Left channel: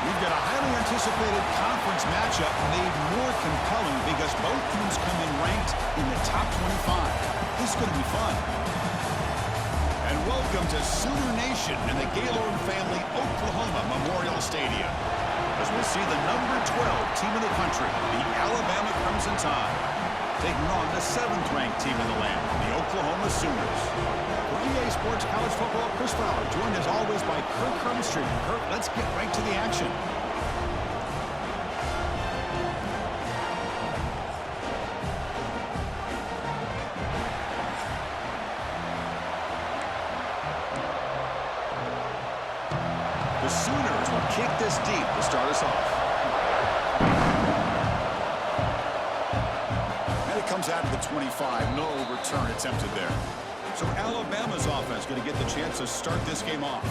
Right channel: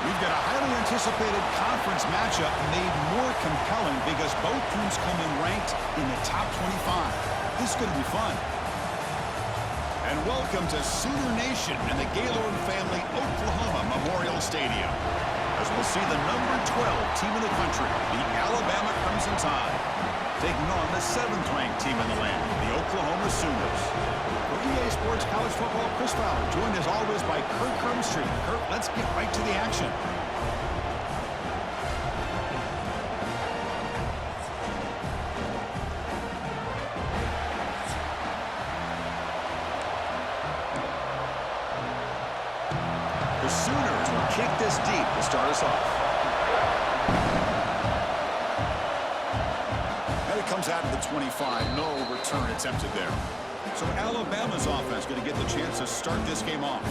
We've got a highly anticipated conference matchup made more compelling because both teams come in ranked in the top 25. This is going to be fun. And welcome to Sooner Nation in the Gaylord Family Oklahoma Memorial Stadium, as we'll see the number 12 team in the country, the Alabama Crimson Tide, taking on the 7th-ranked team in the land, the Oklahoma Sooners. For EA Sports College Football, Chris Fowler, joined as always by Kirk Hermstreet. Kirk, let's get right to the action. The Sooners will kick this deep to start us off. And it comes out of the 25. No return attempted there. So Alabama's offense going to get the chance to start this game off.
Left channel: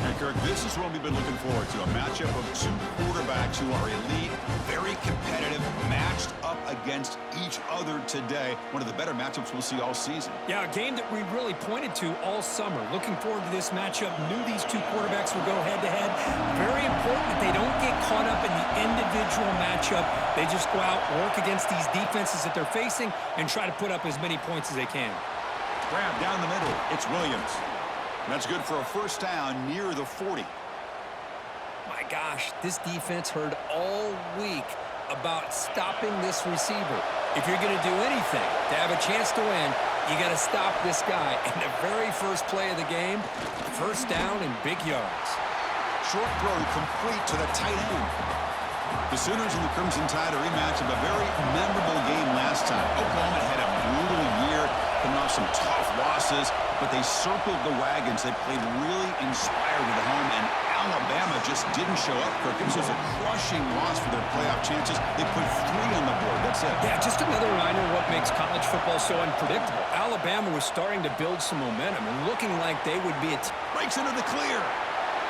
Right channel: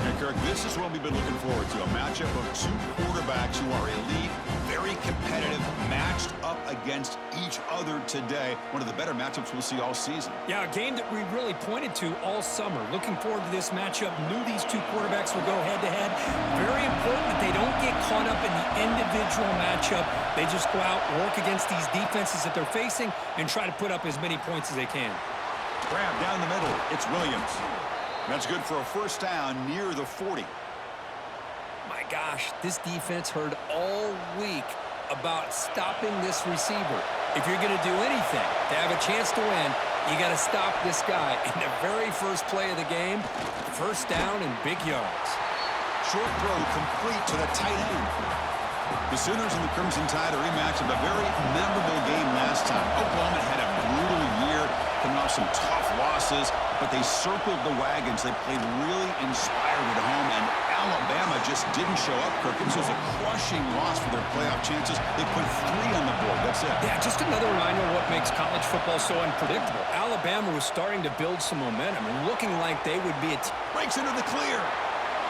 And Kirk, this is what we've been looking forward to, a matchup of two quarterbacks who are elite, very competitive, matched up against each other today. One of the better matchups we'll see all season. Yeah, a game that we really pointed to all summer. Looking forward to this matchup. Knew these two quarterbacks would go head-to-head. Very important that they don't get caught up in the individual matchup. They just go out, work against these defenses that they're facing, and try to put up as many points as they can. Grab down the middle. It's Williams. That's good for a first down near the 40. My gosh, this defense heard all week about stopping this receiver. If you're going to do anything to have a chance to win, you got to stop this guy. In the very first play of the game, first down and big yards. Short throw complete to the tight end. The Sooners and the Crimson Tide, a rematch of a very memorable game last time. Oklahoma had a brutal year, coming off some tough losses, but they circled the wagons. They played really inspired at home, and Alabama just didn't show up, Kirk. This was a crushing loss for their playoff chances. They put 3 on the board. That's it. Yeah, just another reminder of what makes college football so unpredictable. Alabama was starting to build some momentum and looking like they would be a breaks into the clear,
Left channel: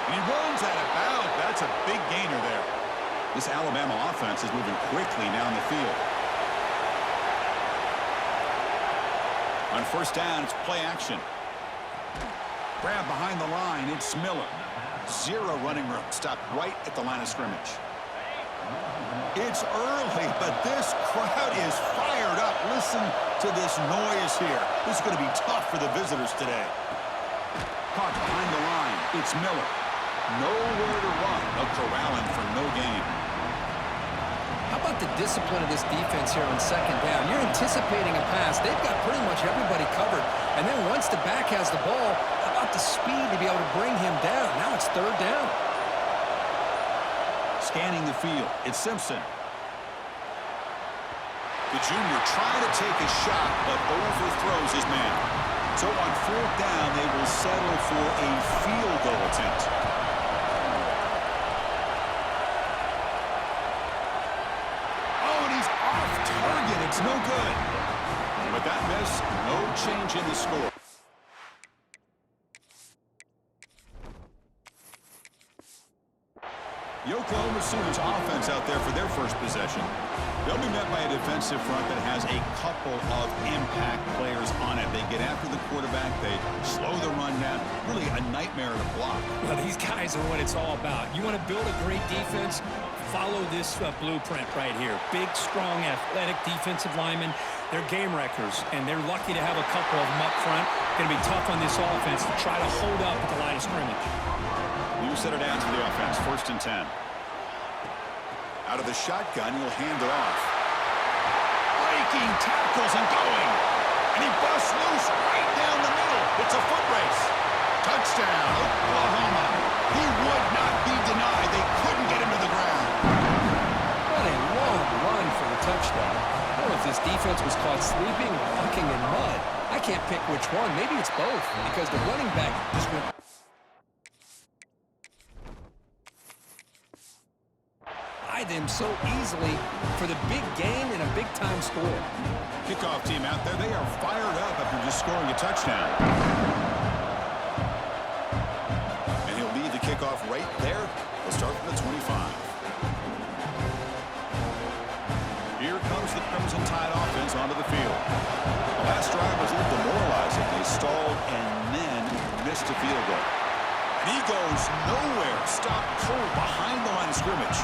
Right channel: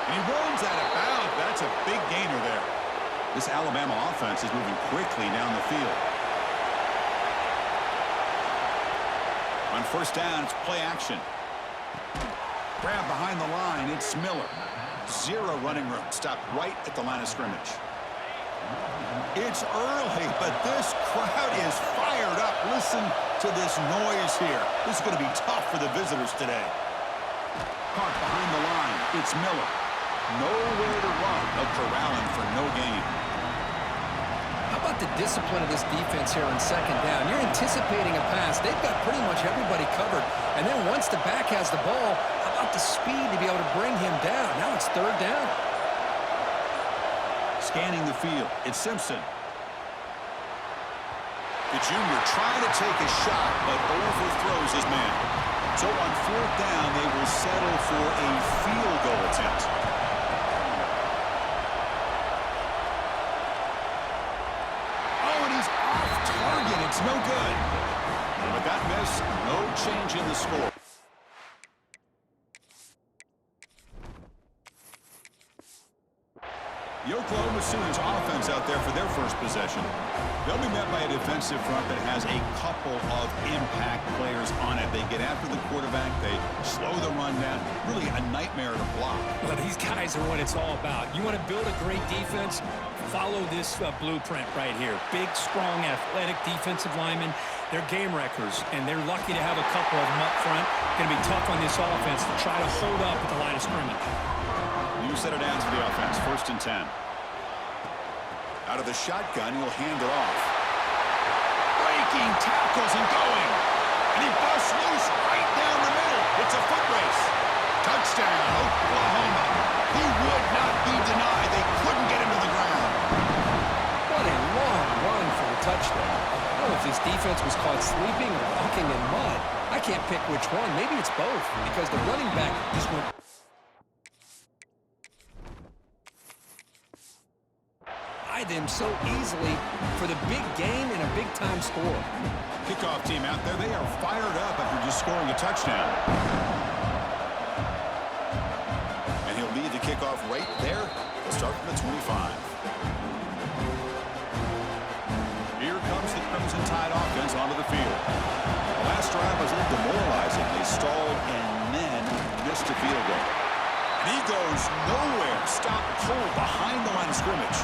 and he runs out of bounds. That's a big gainer there. This Alabama offense is moving quickly down the field. On first down, it's play action. Grab behind the line, it's Miller. 0 running room, stopped right at the line of scrimmage. It's early, but this crowd is fired up. Listen to this noise here. This is going to be tough for the visitors today. Caught behind the line, it's Miller. Nowhere to run. They'll corral him for no gain. How about the discipline of this defense here on second down? You're anticipating a pass. They've got pretty much everybody covered. And then once the back has the ball, how about the speed to be able to bring him down? Now it's third down. Scanning the field, it's Simpson. The junior trying to take a shot, but overthrows his man. So on fourth down, they will settle for a field goal attempt. Target, it's no good. With that miss, no change in the score. The Oklahoma Sooners offense out there for their first possession. They'll be met by a defensive front that has a couple of impact players on it. They get after the quarterback. They slow the run down. Really a nightmare to block. Well, these guys are what it's all about. You want to build a great defense? Follow this blueprint right here. Big, strong, athletic defensive linemen. They're game wreckers, and they're lucky to have a couple of them up front. Going to be tough on this offense to try to hold up at the line of scrimmage. New set of downs for the offense. First and 10. Out of the shotgun, he'll hand it off. Breaking tackles and going. And he busts loose right down the middle. It's a foot race. Touchdown, Oklahoma. He would not be denied. They couldn't get him to the ground. What a long run for the touchdown. I don't know if this defense was caught sleeping or walking in mud. I can't pick which one. Maybe it's both, because the running back just went by them so easily for the big gain and a big-time score. Kickoff team out there, they are fired up after just scoring a touchdown. And he'll lead the kickoff right there. They'll start from the 25. Here comes the Crimson Tide offense onto the field. The last drive was a little demoralizing. They stalled and then missed a field goal. And he goes nowhere. Stopped cold behind the line of scrimmage.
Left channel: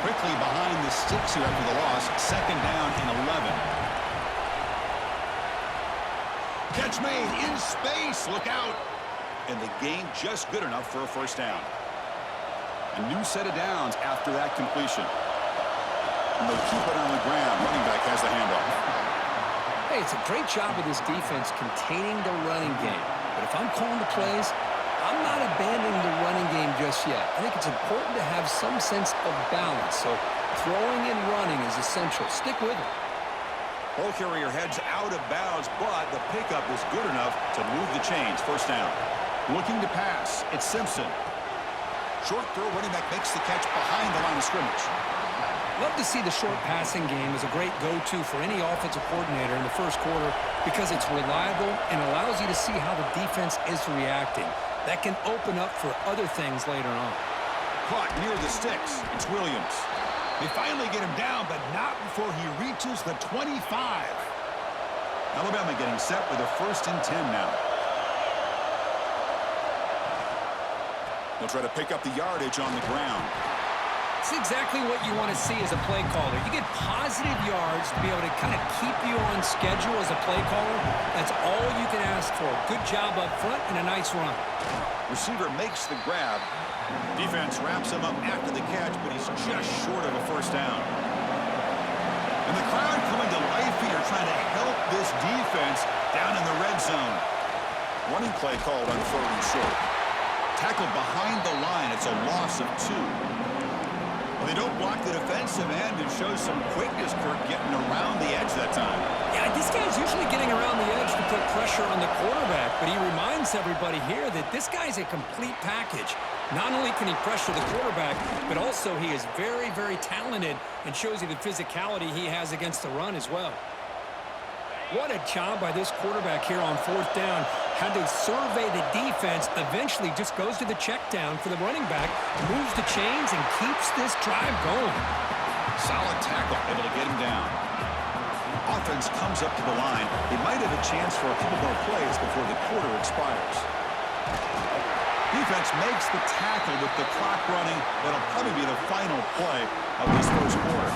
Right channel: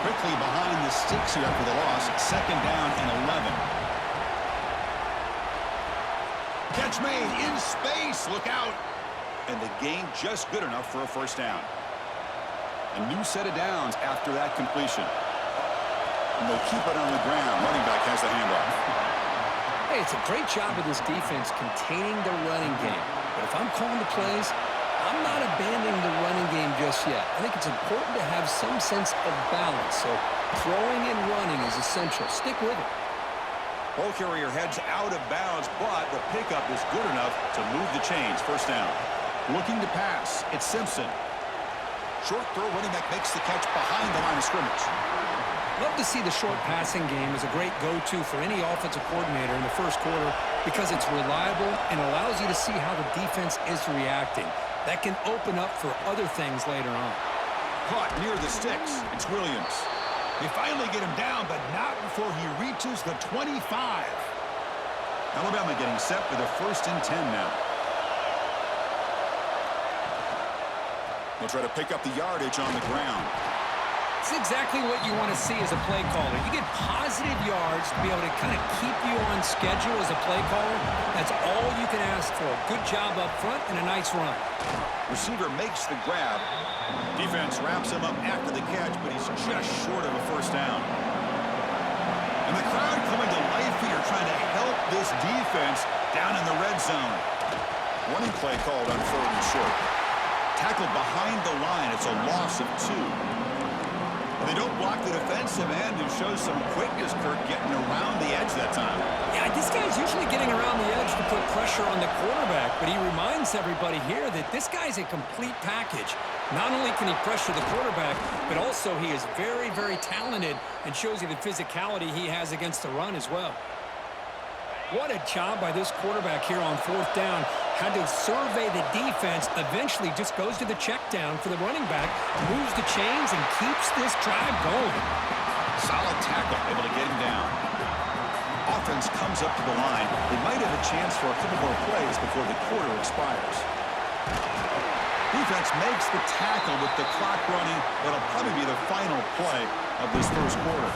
Quickly behind the sticks here after the loss. 2nd down and 11. Catch made in space. Look out. And the gain just good enough for a 1st down. A new set of downs after that completion. And they'll keep it on the ground. Running back has the handoff. Hey, it's a great job of this defense containing the running game. But if I'm calling the plays, I'm not abandoning the running game just yet. I think it's important to have some sense of balance. So throwing and running is essential. Stick with it. Ball carrier heads out of bounds, but the pickup is good enough to move the chains. 1st down. Looking to pass. It's Simpson. Short throw. Running back makes the catch behind the line of scrimmage. Love to see the short passing game as a great go-to for any offensive coordinator in the 1st quarter because it's reliable and allows you to see how the defense is reacting. That can open up for other things later on. Caught near the sticks. It's Williams. They finally get him down, but not before he reaches the 25. Alabama getting set with a 1st and 10 now. They'll try to pick up the yardage on the ground. It's exactly what you want to see as a play caller. You get positive yards to be able to kind of keep you on schedule as a play caller. That's all you can ask for. Good job up front and a nice run. Receiver makes the grab. Defense wraps him up after the catch, but he's just short of a 1st down. And the crowd coming to life here trying to help this defense down in the red zone. Running play called on 3rd and short. Tackled behind the line. It's a loss of 2. They don't block the defensive end and shows some quickness, Kirk, getting around the edge that time. Yeah, this guy's usually getting around the edge to put pressure on the quarterback, but he reminds everybody here that this guy's a complete package. Not only can he pressure the quarterback, but also he is very, very talented and shows you the physicality he has against the run as well. What a job by this quarterback here on 4th down. Had to survey the defense, eventually just goes to the check down for the running back, moves the chains, and keeps this drive going. Solid tackle, able to get him down. Offense comes up to the line. They might have a chance for a couple more plays before the quarter expires. Defense makes the tackle with the clock running. That'll probably be the final play of this 1st quarter.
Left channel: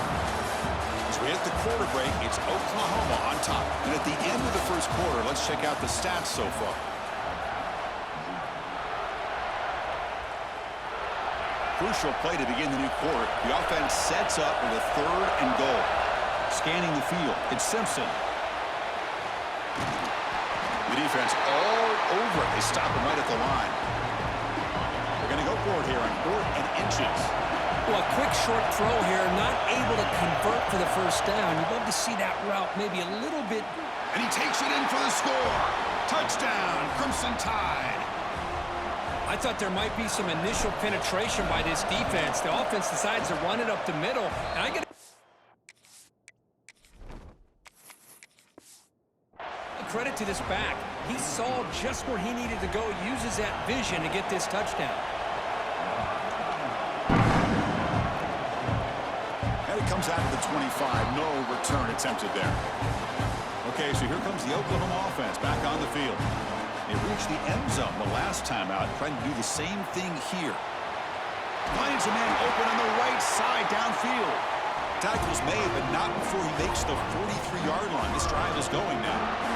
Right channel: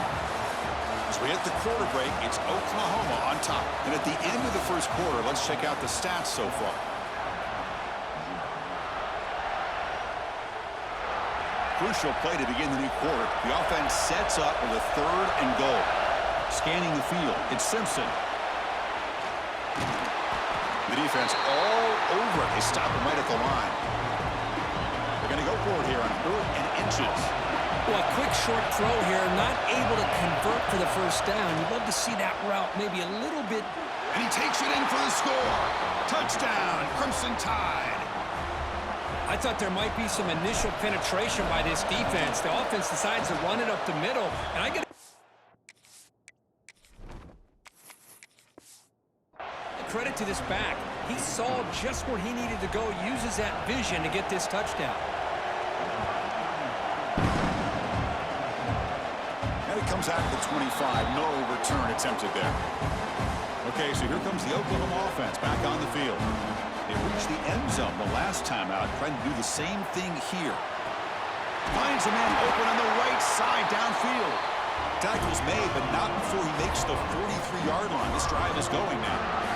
As we hit the quarter break, it's Oklahoma on top. And at the end of the 1st quarter, let's check out the stats so far. Crucial play to begin the new quarter. The offense sets up with a 3rd and goal. Scanning the field, it's Simpson. The defense all over it. They stop him right at the line. They're going to go for it here on 4th and inches. Well, a quick short throw here, not able to convert for the 1st down. You'd love to see that route maybe a little bit. And he takes it in for the score. Touchdown, Crimson Tide. I thought there might be some initial penetration by this defense. The offense decides to run it up the middle, and I get credit to this back. He saw just where he needed to go, uses that vision to get this touchdown. And it comes out of the 25. No return attempted there. Okay, so here comes the Oklahoma offense back on the field. They reached the end zone the last time out, trying to do the same thing here. Finds a man open on the right side downfield. Tackle's made, but not before he makes the 43-yard line. This drive is going now.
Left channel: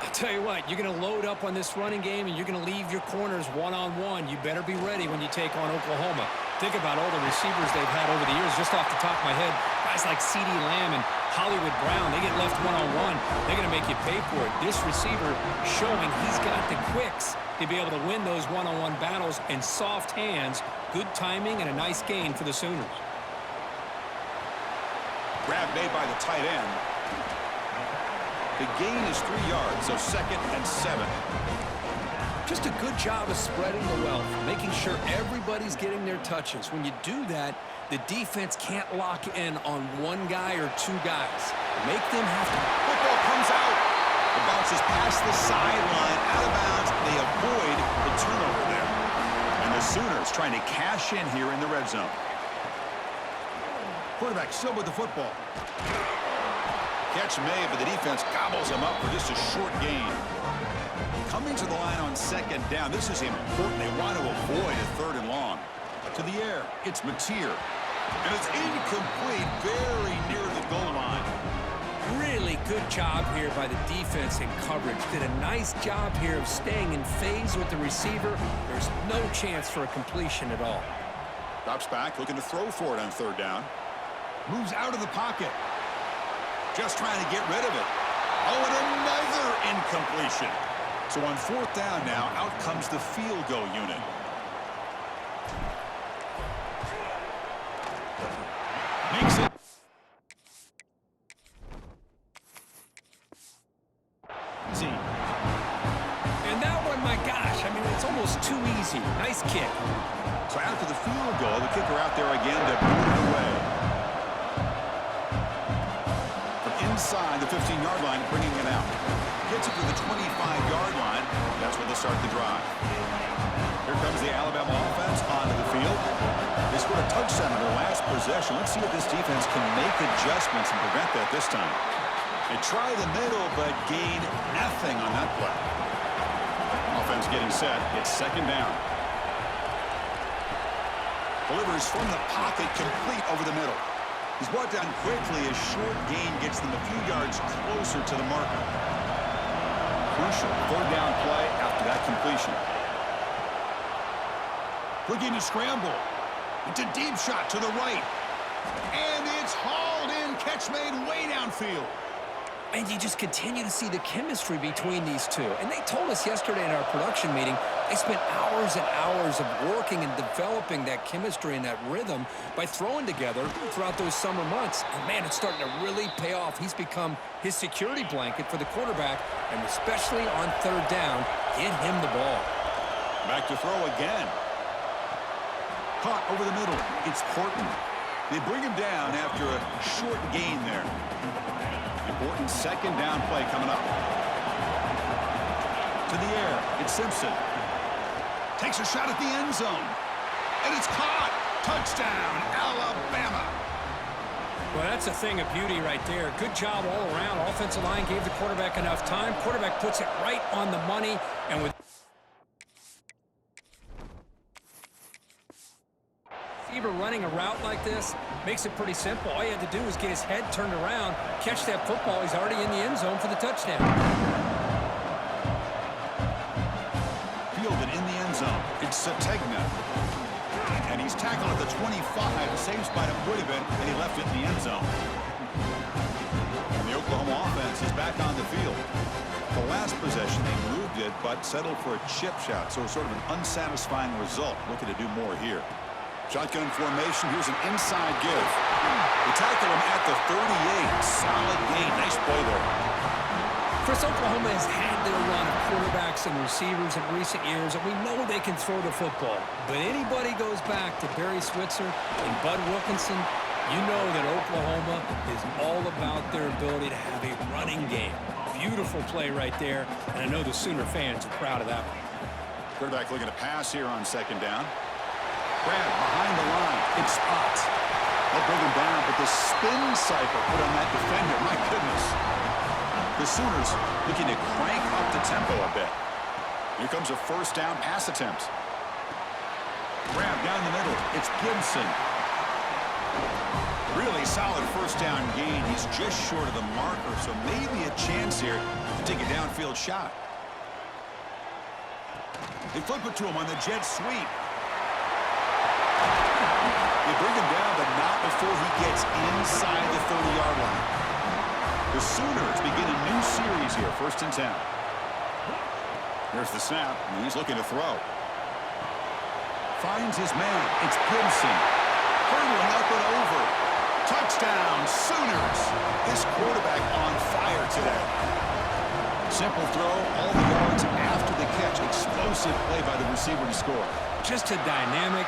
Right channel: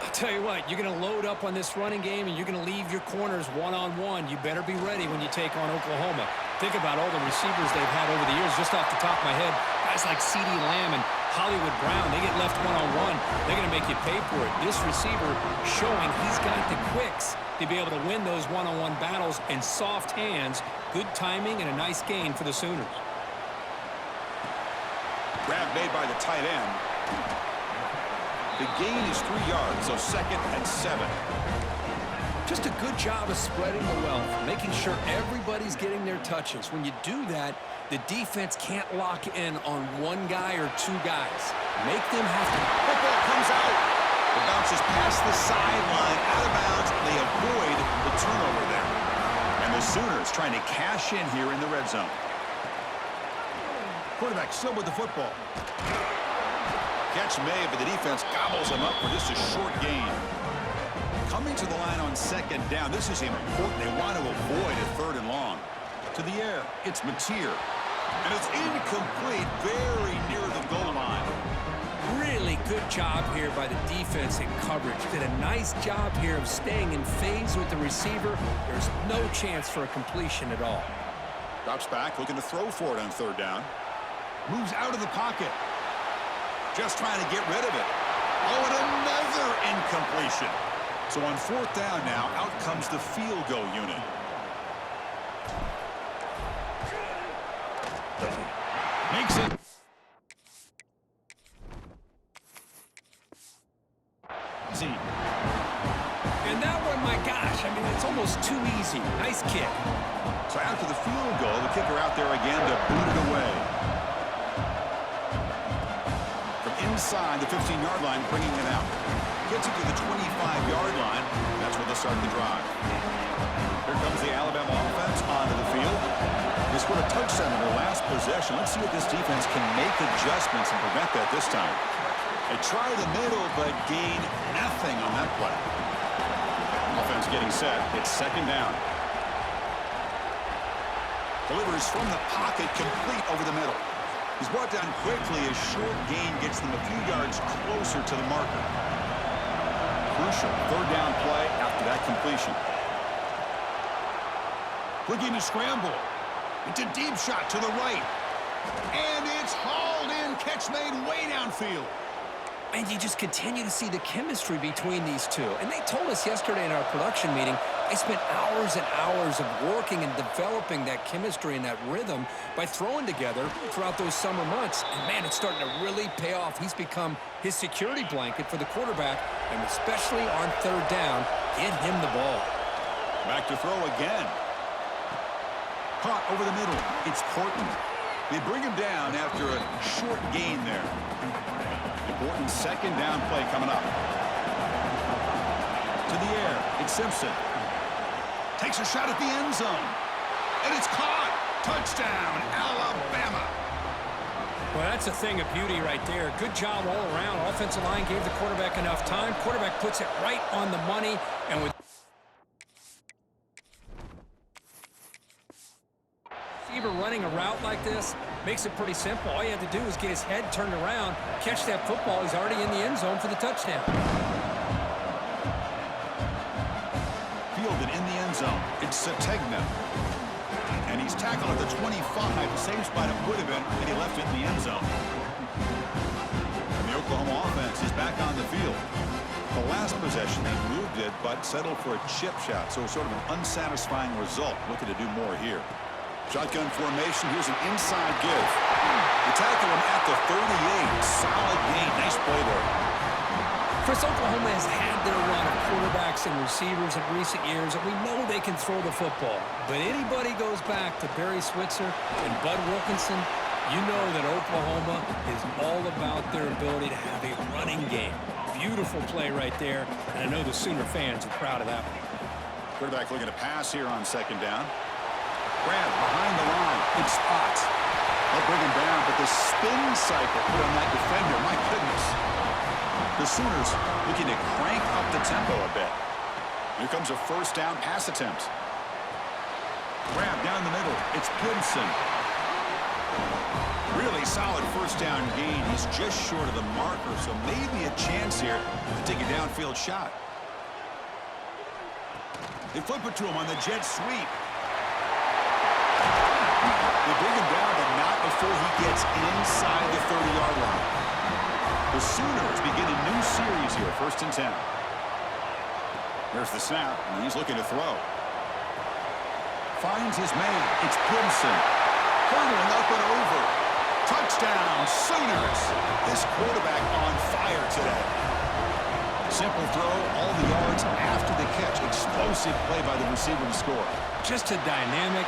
I'll tell you what, you're going to load up on this running game, and you're going to leave your corners one-on-one. You better be ready when you take on Oklahoma. Think about all the receivers they've had over the years. Just off the top of my head, guys like CeeDee Lamb and Hollywood Brown, they get left one-on-one. They're going to make you pay for it. This receiver showing he's got the quicks to be able to win those one-on-one battles in soft hands. Good timing and a nice gain for the Sooners. Grab made by the tight end. The gain is 3 yards, so 2nd and 7. Just a good job of spreading the wealth, making sure everybody's getting their touches. When you do that, the defense can't lock in on one guy or 2 guys. Make them have to. Football comes out. It bounces past the sideline, out of bounds, and they avoid the turnover there. And the Sooners trying to cash in here in the red zone. Quarterback still with the football. Catch made, but the defense gobbles him up for just a short gain. Coming to the line on second down, this is important. They want to avoid a third and long. To the air, it's Mateer. And it's incomplete, very near the goal line. Really good job here by the defense in coverage. Did a nice job here of staying in phase with the receiver. There's no chance for a completion at all. Drops back, looking to throw for it on third down. Moves out of the pocket. Just trying to get rid of it. Oh, and another incompletion. So on fourth down now, out comes the field goal unit. Makes it. Easy. And that one, my gosh, I mean, it's almost too easy. Nice kick. So after the field goal, the kicker out there again to boot it away. From inside the 15-yard line, bringing it out. Gets it to the 25-yard line. That's where they'll start the drive. Here comes the Alabama offense onto the field. They scored a touchdown in their last possession. Let's see if this defense can make adjustments and prevent that this time. They try the middle, but gain nothing on that play. Offense getting set. It's second down. Delivers from the pocket, complete over the middle. He's brought down quickly. A short gain gets them a few yards closer to the marker. Crucial third down play after that completion. Looking to scramble. It's a deep shot to the right. And it's hauled in. Catch made way downfield. And you just continue to see the chemistry between these two. And they told us yesterday in our production meeting, they spent hours and hours of working and developing that chemistry and that rhythm by throwing together throughout those summer months. And, man, it's starting to really pay off. He's become his security blanket for the quarterback, and especially on third down, get him the ball. Back to throw again. Caught over the middle. It's Horton. They bring him down after a short gain there. Important second down play coming up. To the air, it's Simpson. Takes a shot at the end zone. And it's caught. Touchdown, Alabama. Well, that's a thing of beauty right there. Good job all around. Offensive line gave the quarterback enough time. Quarterback puts it right on the money. And with receiver running a route like this, makes it pretty simple. All you have to do is get his head turned around, catch that football. He's already in the end zone for the touchdown. Fielded in the end zone. It's Sategna. And he's tackled at the 25. The same spot it would have been, and he left it in the end zone. And the Oklahoma offense is back on the field. The last possession, they moved it, but settled for a chip shot. So sort of an unsatisfying result. Looking to do more here. Shotgun formation. Here's an inside give. They tackle him at the 38. Solid gain. Nice play there. Chris, Oklahoma has had their run of quarterbacks and receivers in recent years, and we know they can throw the football. But anybody goes back to Barry Switzer and Bud Wilkinson, you know that Oklahoma is all about their ability to have a running game. Beautiful play right there, and I know the Sooner fans are proud of that one. Quarterback looking to pass here on second down. Grab behind the line. It's Ott. They'll bring him down, but the spin cycle put on that defender, my goodness. The Sooners looking to crank up the tempo a bit. Here comes a first down pass attempt. Grab down the middle. It's Gibson. Really solid first down gain. He's just short of the marker, so maybe a chance here to take a downfield shot. They flip it to him on the jet sweep. They bring him down, but not before he gets inside the 30-yard line. The Sooners begin a new series here, 1st and 10. There's the snap, and he's looking to throw. Finds his man. It's Gibson. Hurdling up and over. Touchdown, Sooners. This quarterback on fire today. Simple throw, all the yards after the catch. Explosive play by the receiver to score. Just a dynamic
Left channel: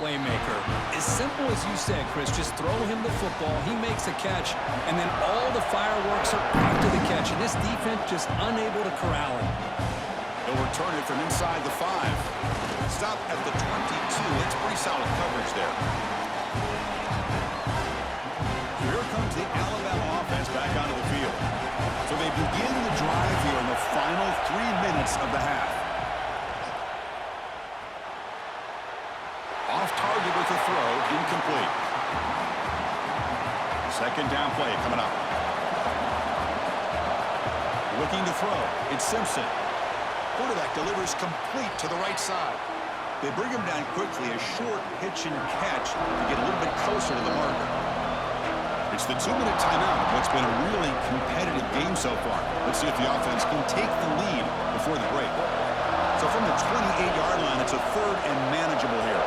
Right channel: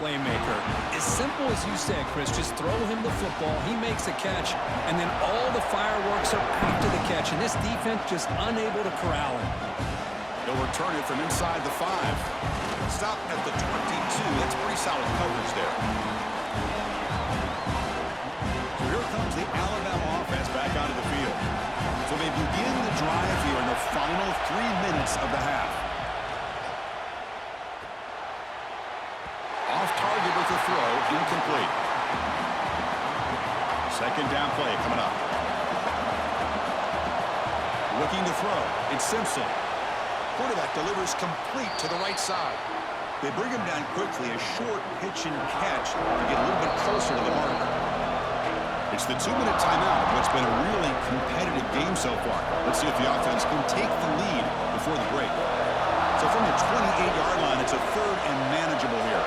playmaker. As simple as you said, Chris, just throw him the football, he makes a catch, and then all the fireworks are after the catch, and this defense just unable to corral him. He'll return it from inside the 5. Stop at the 22. That's pretty solid coverage there. So here comes the Alabama offense. back onto the field. So they begin the drive here in the final 3 minutes of the half. Off target with the throw, incomplete. Second down play coming up. Looking to throw. It's Simpson. Quarterback delivers complete to the right side. They bring him down quickly, a short pitch and catch to get a little bit closer to the marker. It's the 2-minute timeout of what's been a really competitive game so far. Let's see if the offense can take the lead before the break. So from the 28-yard line, it's a third and manageable here.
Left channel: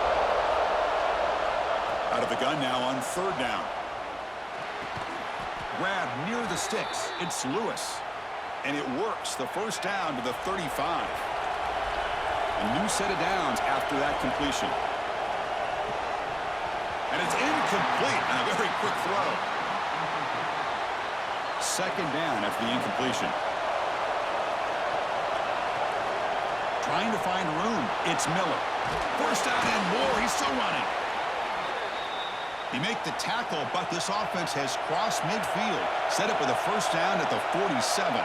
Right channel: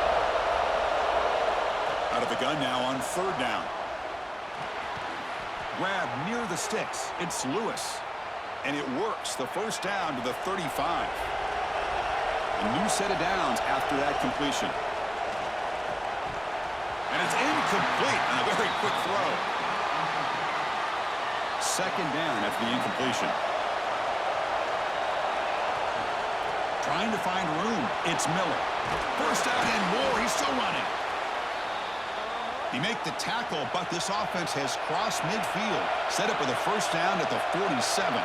Out of the gun now on third down. Grab near the sticks. It's Lewis. And it works. The first down to the 35. A new set of downs after that completion. And it's incomplete on a very quick throw. Second down after the incompletion. Trying to find room. It's Miller. First down and more. He's still running. He make the tackle, but this offense has crossed midfield. Set up with a first down at the 47.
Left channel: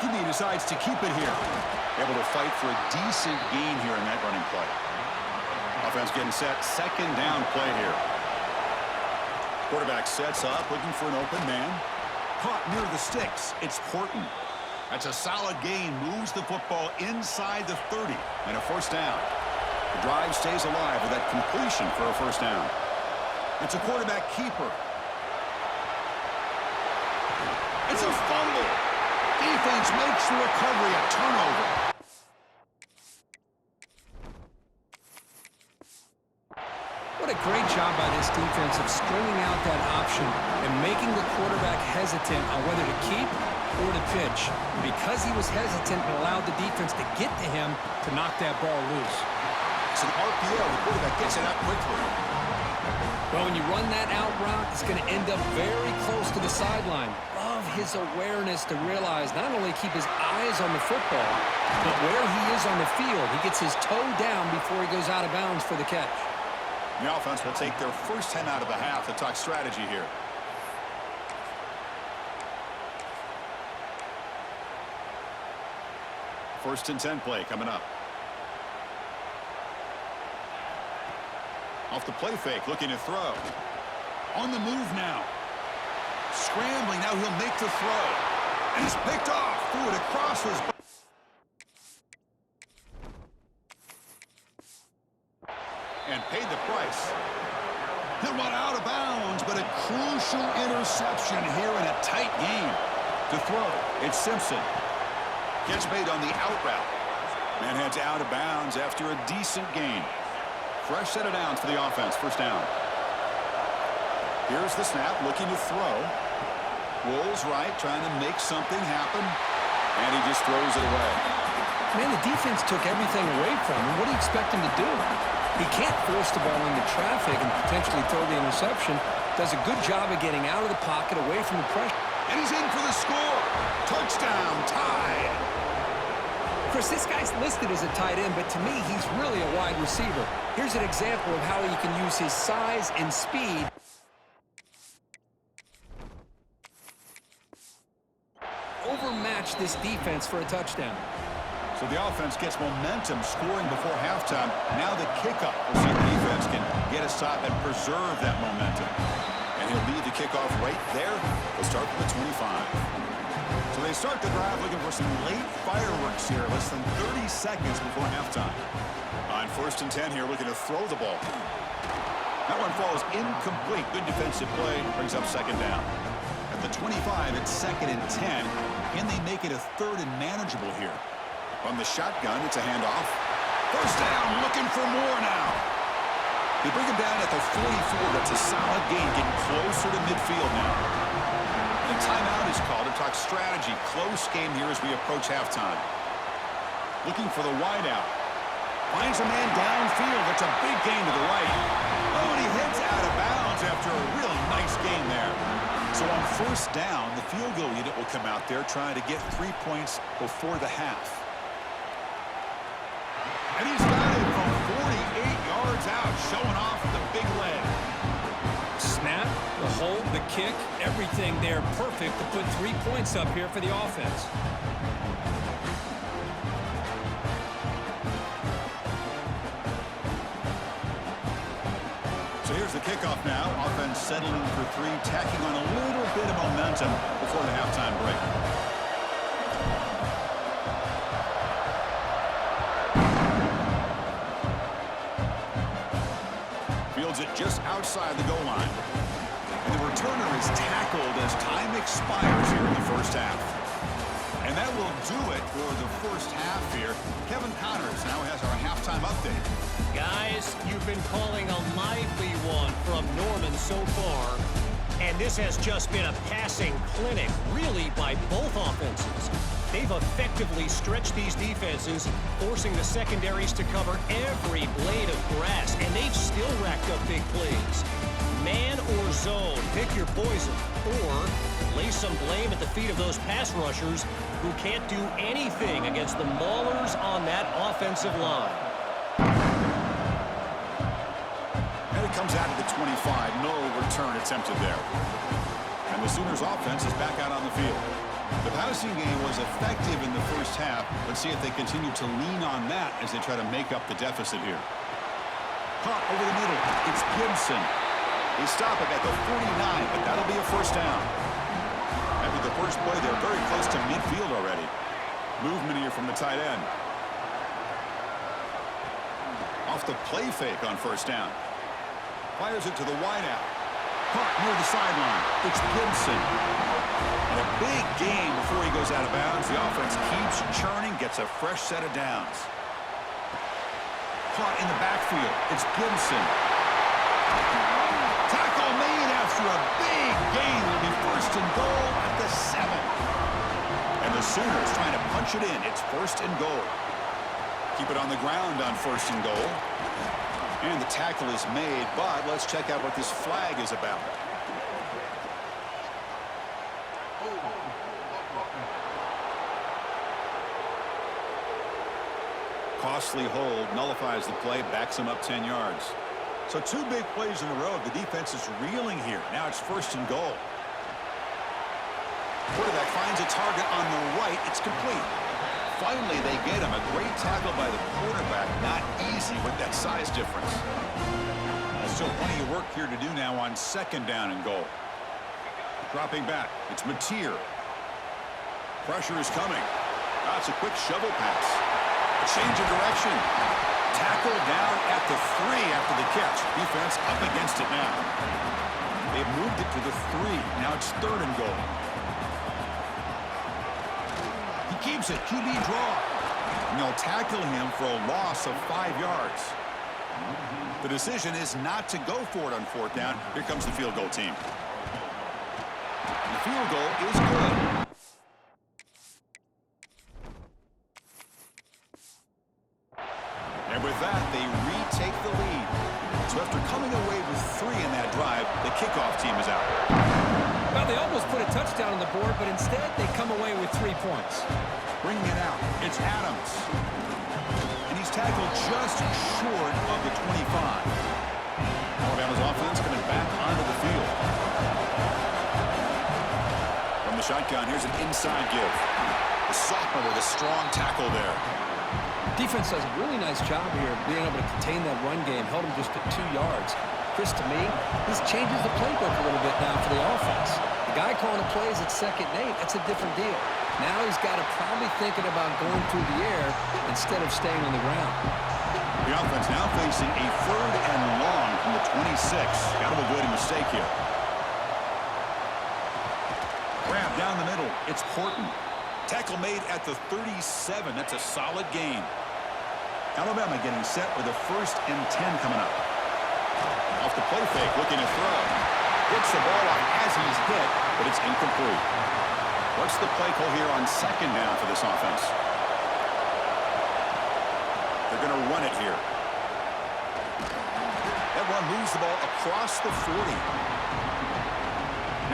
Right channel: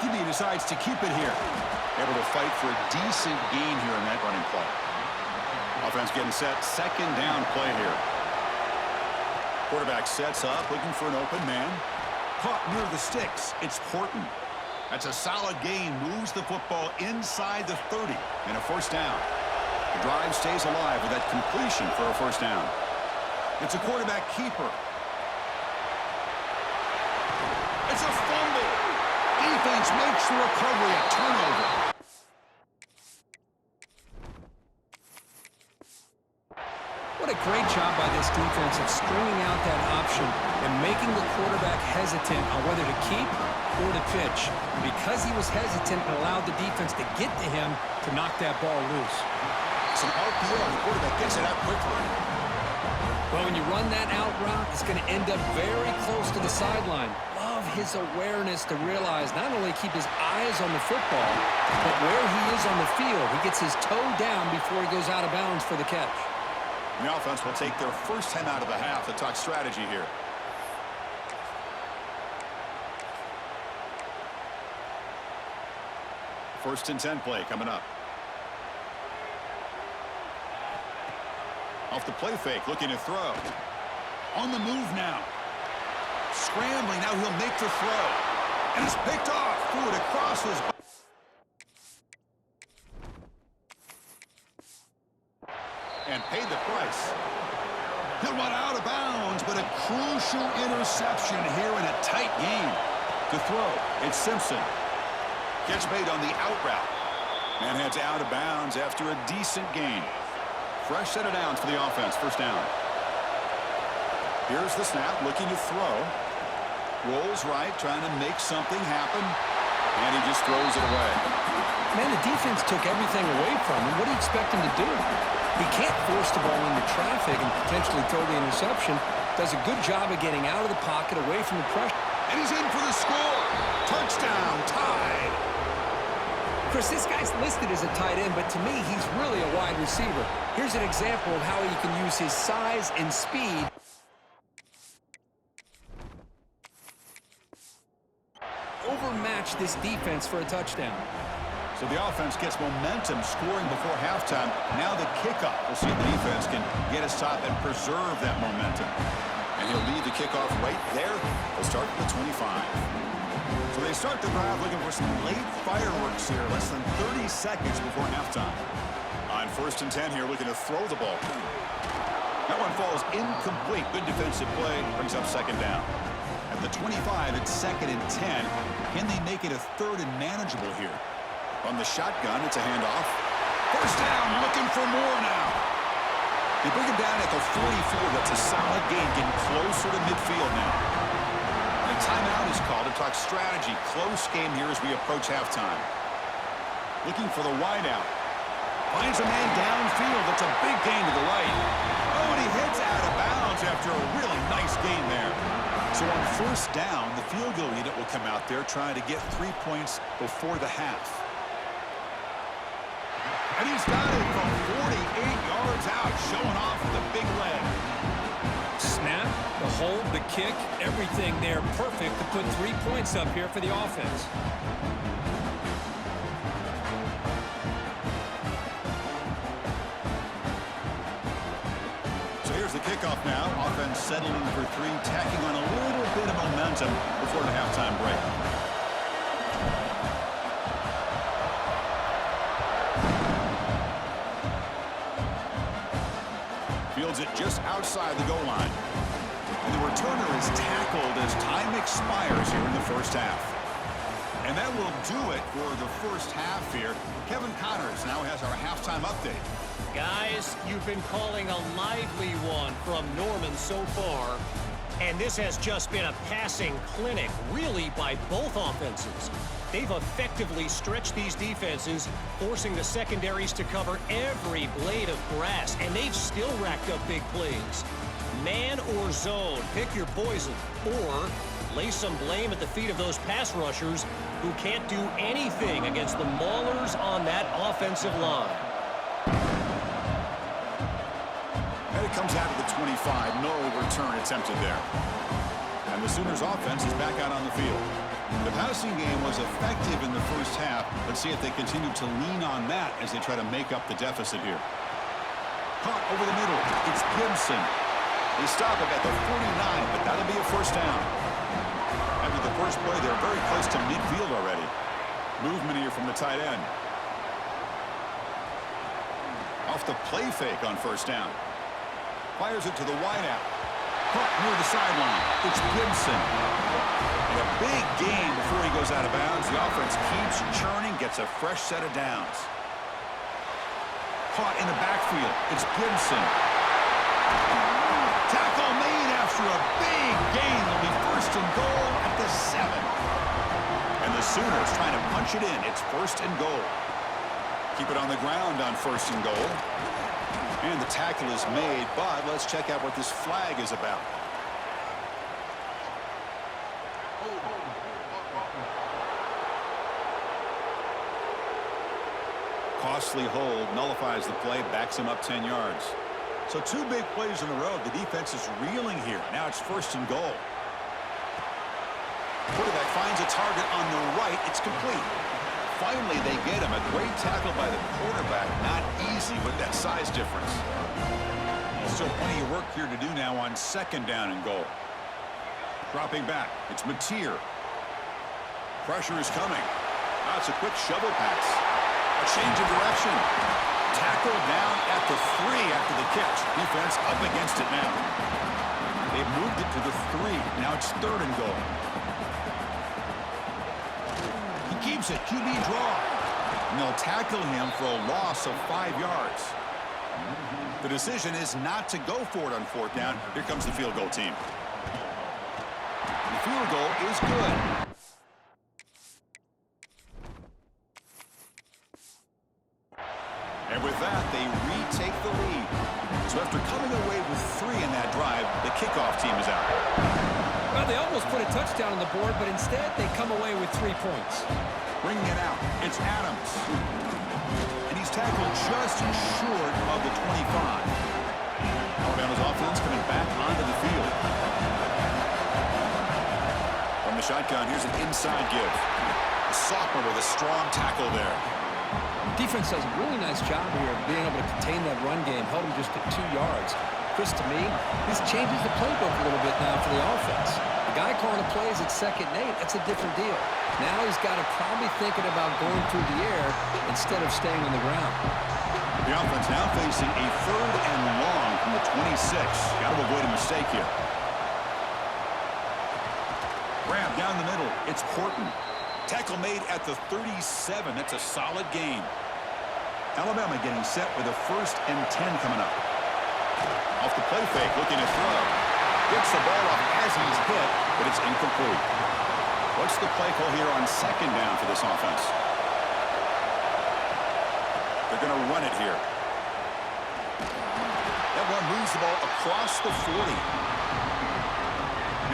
QB decides to keep it here. Able to fight for a decent gain here in that running play. Offense getting set. Second down play here. Quarterback sets up, looking for an open man. Caught near the sticks. It's Horton. That's a solid gain. Moves the football inside the 30. And a first down. The drive stays alive with that completion for a first down. It's a quarterback keeper. It's a fumble. Defense makes the recovery a turnover. What a great job by this defense of stringing out that option and making the quarterback hesitant on whether to keep or to pitch. And because he was hesitant, it allowed the defense to get to him to knock that ball loose. It's an RPO. The quarterback gets it out quickly. Well, when you run that out route, it's going to end up very close to the sideline. Love his awareness to realize not only keep his eyes on the football, but where he is on the field. He gets his toe down before he goes out of bounds for the catch. The offense will take their first time out of the half to talk strategy here. First and 10 play coming up. Off the play fake, looking to throw. On the move now. Scrambling, now he'll make the throw. And it's picked off. Threw it across his body. And paid the price. He'll run out of bounds, but a crucial interception here in a tight game. To throw, it's Simpson. Catch made on the out route. Man heads out of bounds after a decent gain. Fresh set of downs for the offense. First down. Here's the snap, looking to throw. Rolls right, trying to make something happen. And he just throws it away. Man, the defense took everything away from him. What do you expect him to do? He can't force the ball into traffic and potentially throw the interception. Does a good job of getting out of the pocket, away from the pressure. And he's in for the score. Touchdown, tied. Chris, this guy's listed as a tight end, but to me, he's really a wide receiver. Here's an example of how he can use his size and speed. Overmatch this defense for a touchdown. So the offense gets momentum, scoring before halftime. Now the kickoff. We'll see if the defense can get a stop and preserve that momentum. And he'll lead the kickoff right there. They'll start from the 25. So they start the drive looking for some late fireworks here, less than 30 seconds before halftime. On first and 10 here, looking to throw the ball. That one falls incomplete. Good defensive play, brings up second down. At the 25, it's second and 10. Can they make it a third and manageable here? From the shotgun, it's a handoff. First down, looking for more now. They bring him down at the 44. That's a solid gain, getting closer to midfield now. And a timeout is called to talk strategy. Close game here as we approach halftime. Looking for the wideout. Finds a man downfield. That's a big gain to the right. Oh, and he heads out of bounds after a really nice gain there. So on first down, the field goal unit will come out there trying to get 3 points before the half. And he's got it from 48 yards out, showing off the big leg. snap, the hold, the kick, everything there perfect to put 3 points up here for the offense. So here's the kickoff now. Offense settling for 3, tacking on a little bit of momentum before the halftime break. Fields it just outside the goal line. And the returner is tackled as time expires here in the first half. And that will do it for the first half here. Kevin Connors now has our halftime update. Guys, you've been calling a lively one from Norman so far. And this has just been a passing clinic, really, by both offenses. They've effectively stretched these defenses, forcing the secondaries to cover every blade of grass, and they've still racked up big plays. Man or zone, pick your poison, or lay some blame at the feet of those pass rushers who can't do anything against the maulers on that offensive line. And it comes out of the 25. No return attempted there. And the Sooners offense is back out on the field. The passing game was effective in the first half. Let's see if they continue to lean on that as they try to make up the deficit here. Caught over the middle. It's Gibson. They stop him at the 49, but that'll be a first down. After the first play, they're very close to midfield already. Movement here from the tight end. Off the play fake on first down. Fires it to the wideout. Caught near the sideline. It's Gibson. And a big game before he goes out of bounds. The offense keeps churning, gets a fresh set of downs. Caught in the backfield. It's Gibson. Tackle made after a big gain. It'll be first and goal at the 7. And the Sooners trying to punch it in. It's first and goal. Keep it on the ground on first and goal. And the tackle is made, but let's check out what this flag is about. Costly hold, nullifies the play, backs him up 10 yards. So 2 big plays in a row. The defense is reeling here. Now it's first and goal. Quarterback finds a target on the right. It's complete. Finally, they get him. A great tackle by the quarterback. Not easy with that size difference. Still plenty of work here to do now on second down and goal. Dropping back. It's Mateer. Pressure is coming. That's a quick shovel pass. A change of direction. Tackle down at the 3 after the catch. Defense up against it now. They've moved it to the 3. Now it's third and goal. He keeps it. QB draw. And they'll tackle him for a loss of 5 yards. The decision is not to go for it on fourth down. Here comes the field goal team. The field goal is good. And with that, they retake the lead. So after coming away with 3 in that drive, the kickoff team is out. Well, they almost put a touchdown on the board, but instead they come away with 3 points. Bringing it out, it's Adams. And he's tackled just short of the 25. Alabama's offense coming back onto the field. From the shotgun, here's an inside give. The sophomore with a strong tackle there. Defense does a really nice job here of being able to contain that run game. Held him just at 2 yards. Chris, to me, this changes the playbook a little bit now for the offense. The guy calling the plays at 2nd and 8, that's a different deal. Now he's got to probably thinking about going through the air instead of staying on the ground. The offense now facing a 3rd and long from the 26. Got to avoid a mistake here. Grab down the middle. It's Horton. Tackle made at the 37. That's a solid gain. Alabama getting set with a 1st and 10 coming up. Off the play fake, looking to throw. Gets the ball off as he's hit, but it's incomplete. What's the play call here on 2nd down for this offense? They're going to run it here. That run moves the ball across the 40.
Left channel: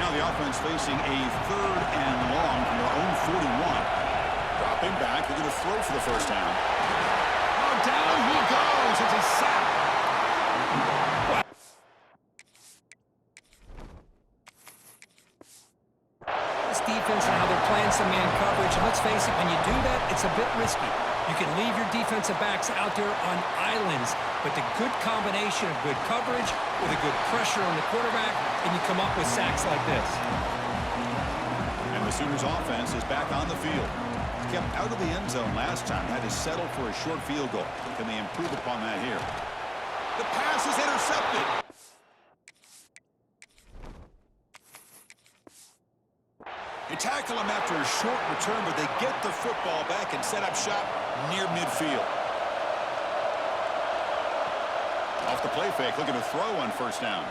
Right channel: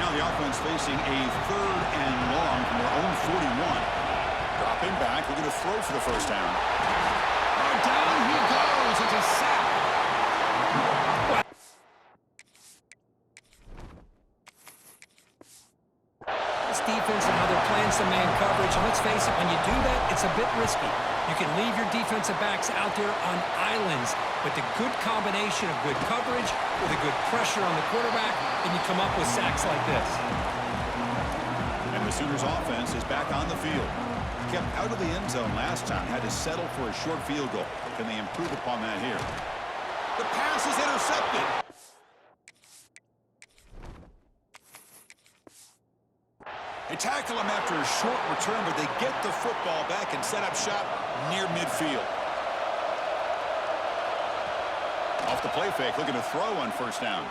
Now the offense facing a 3rd and long from their own 41. Dropping back, looking to throw for the first down. Oh, down he goes. It's a sack. this defense and how they're playing some man coverage. And let's face it, when you do that, it's a bit risky. You can leave your defensive backs out there on islands, but the good combination of good coverage with a good pressure on the quarterback, and you come up with sacks like this. And the Sooners offense is back on the field. Kept out of the end zone last time, had to settle for a short field goal. Can they improve upon that here? The pass is intercepted. They tackle him after a short return, but they get the football back and set up shop near midfield. Off the play fake, looking to throw on first down.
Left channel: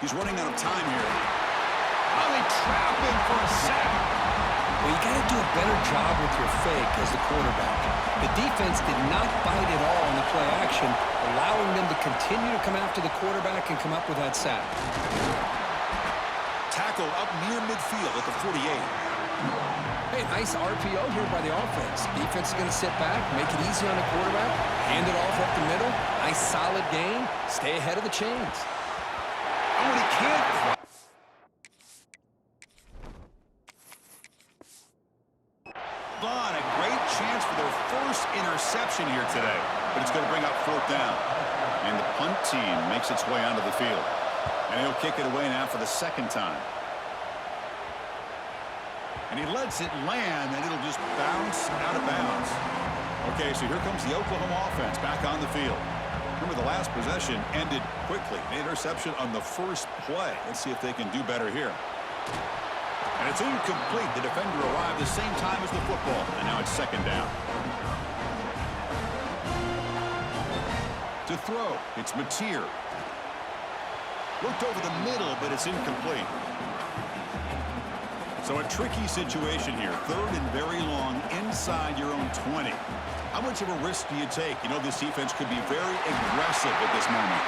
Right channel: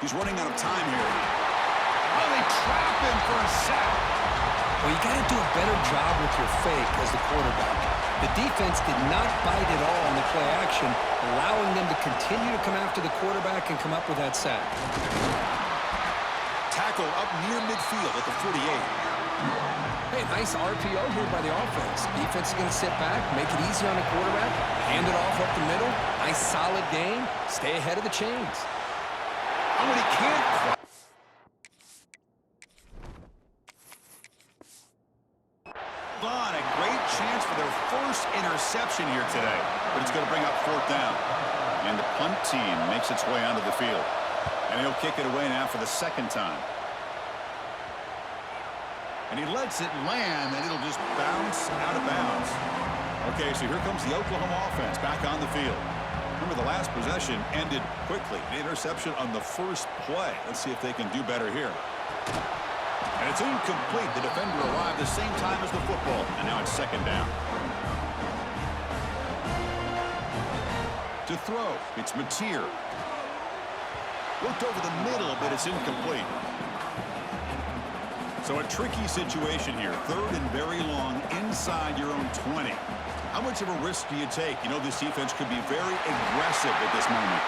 He's running out of time here. Oh, they trap him for a sack. Well, you got to do a better job with your fake as the quarterback. The defense did not bite at all on the play action, allowing them to continue to come after the quarterback and come up with that sack. Tackled up near midfield at the 48. Hey, nice RPO here by the offense. Defense is going to sit back, make it easy on the quarterback, hand it off up the middle. Nice solid game. Stay ahead of the chains. Oh, and he can't. Vaughn, a great chance for their first interception here today, but it's going to bring up fourth down. And the punt team makes its way onto the field. And he'll kick it away now for the second time. And he lets it land, and it'll just bounce out of bounds. Okay, so here comes the Oklahoma offense back on the field. Remember, the last possession ended quickly. An interception on the first play. Let's see if they can do better here. And it's incomplete. The defender arrived the same time as the football, and now it's second down. To throw, it's Mateer. Looked over the middle, but it's incomplete. So a tricky situation here. Third and very long inside your own 20. How much of a risk do you take? You know, this defense could be very aggressive at this moment.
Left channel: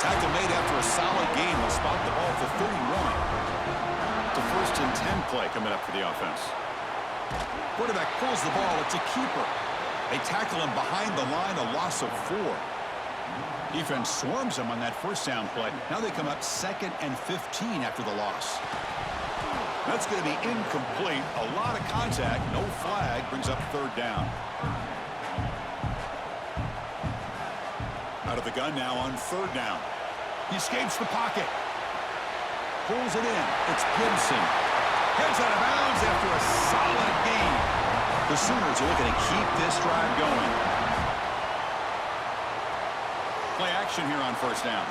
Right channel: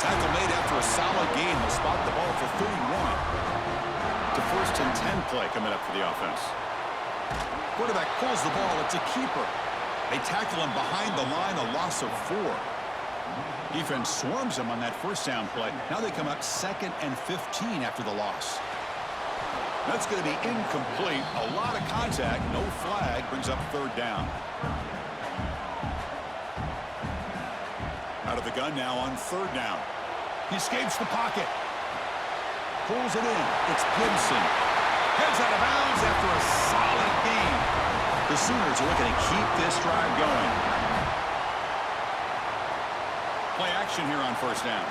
Tackle made after a solid game. They'll spot the ball for 31. To first and 10 play coming up for the offense. Quarterback pulls the ball. It's a keeper. They tackle him behind the line, a loss of 4. Defense swarms him on that first down play. Now they come up 2nd and 15 after the loss. That's going to be incomplete. A lot of contact. No flag. Brings up third down. Out of the gun now on third down. He escapes the pocket. Pulls it in. It's Gibson. Heads out of bounds after a solid game. The Sooners are looking to keep this drive going. Play action here on first down.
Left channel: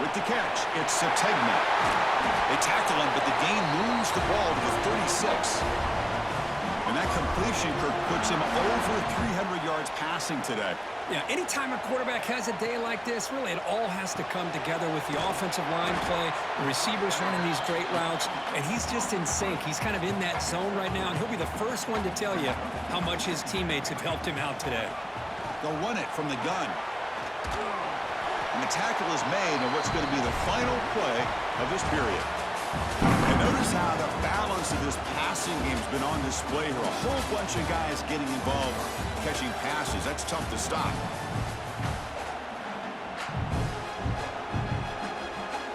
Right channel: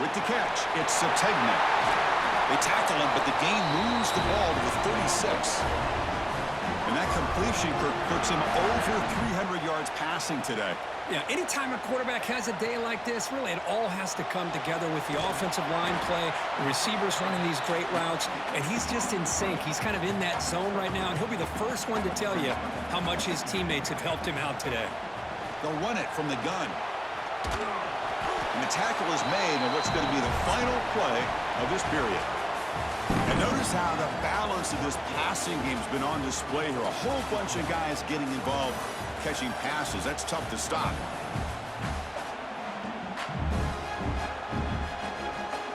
With the catch, it's Sategna. They tackle him, but the gain moves the ball to the 36. And that completion, Kirk, puts him over 300 yards passing today. Yeah, anytime a quarterback has a day like this, really it all has to come together with the offensive line play, the receivers running these great routes, and he's just in sync. He's kind of in that zone right now, and he'll be the first one to tell you how much his teammates have helped him out today. They'll run it from the gun. And the tackle is made on what's going to be the final play of this period. And notice how the balance of this passing game has been on display here. A whole bunch of guys getting involved, catching passes. That's tough to stop.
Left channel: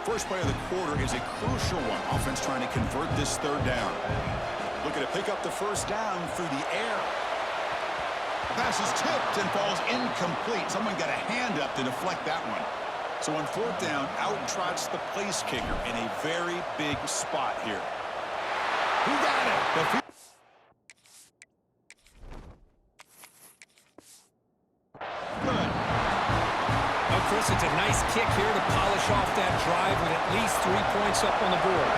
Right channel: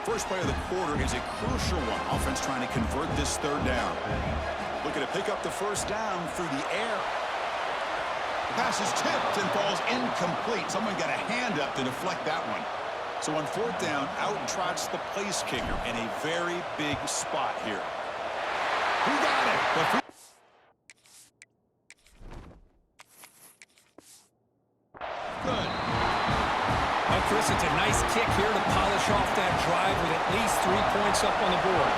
First play of the quarter is a crucial one. Offense trying to convert this third down. Looking to pick up the first down through the air. The pass is tipped and falls incomplete. Someone got a hand up to deflect that one. So on fourth down, out trots the place kicker in a very big spot here. Who got it? Good. Oh, Chris, it's a nice kick here to polish off that drive with at least 3 points up on the board.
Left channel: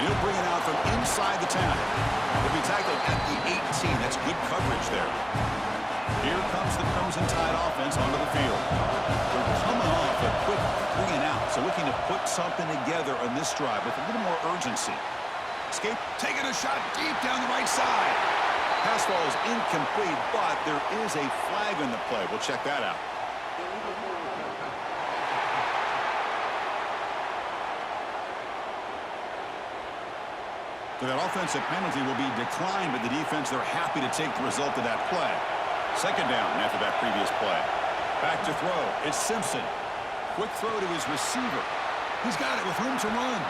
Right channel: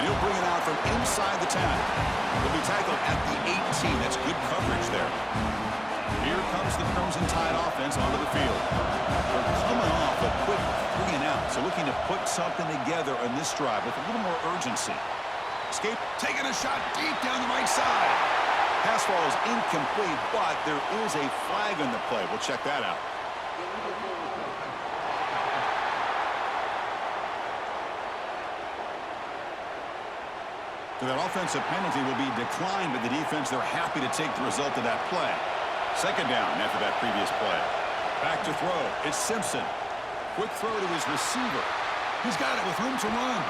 And he'll bring it out from inside the 10. He'll be tackled at the 18. That's good coverage there. Here comes the Crimson Tide offense onto the field. They're coming off a quick 3 and out, so looking to put something together on this drive with a little more urgency. Escape, taking a shot deep down the right side. Pass ball is incomplete, but there is a flag on the play. We'll check that out. So that offensive penalty will be declined, but the defense, they're happy to take the result of that play. Second down after that previous play. Back to throw. It's Simpson. Quick throw to his receiver. He's got it with room to run.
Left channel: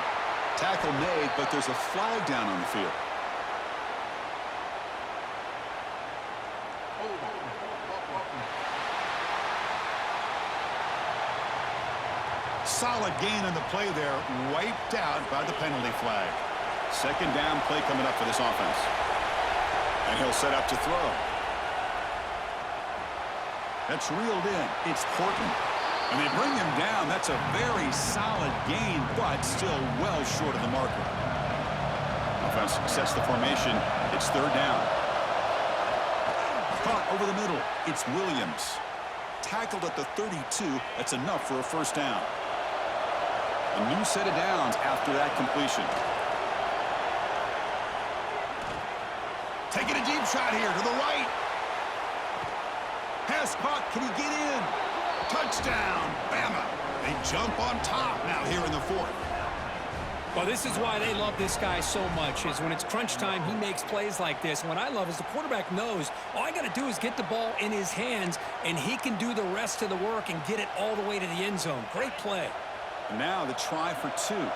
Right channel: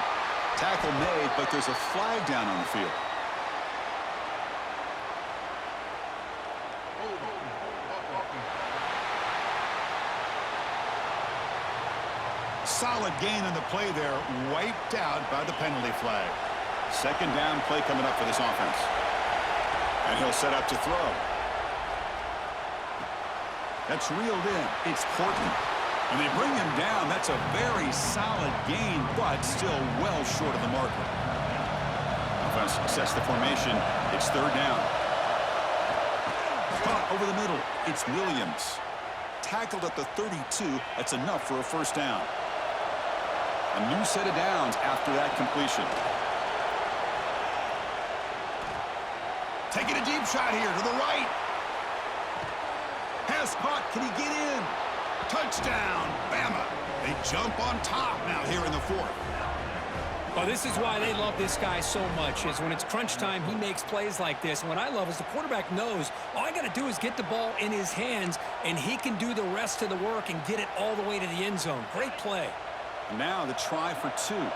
Tackle made, but there's a flag down on the field. Solid gain on the play there, wiped out by the penalty flag. Second down play coming up for this offense. And he'll set up to throw. That's reeled in. It's Horton. And they bring him down. That's a very solid gain, but still well short of the marker. Offense sets the formation. It's third down. Caught over the middle. It's Williams. Tackled at the 32. That's enough for a first down. A new set of downs after that completion. Taking a deep shot here to the right. Pass caught. Can he get in? Touchdown, Bama. They jump on top now here in the fourth. Well, this is why they love this guy so much, is when it's crunch time, he makes plays like this. And what I love is the quarterback knows all I got to do is get the ball in his hands, and he can do the rest of the work and get it all the way to the end zone. Great play. And now the try for two.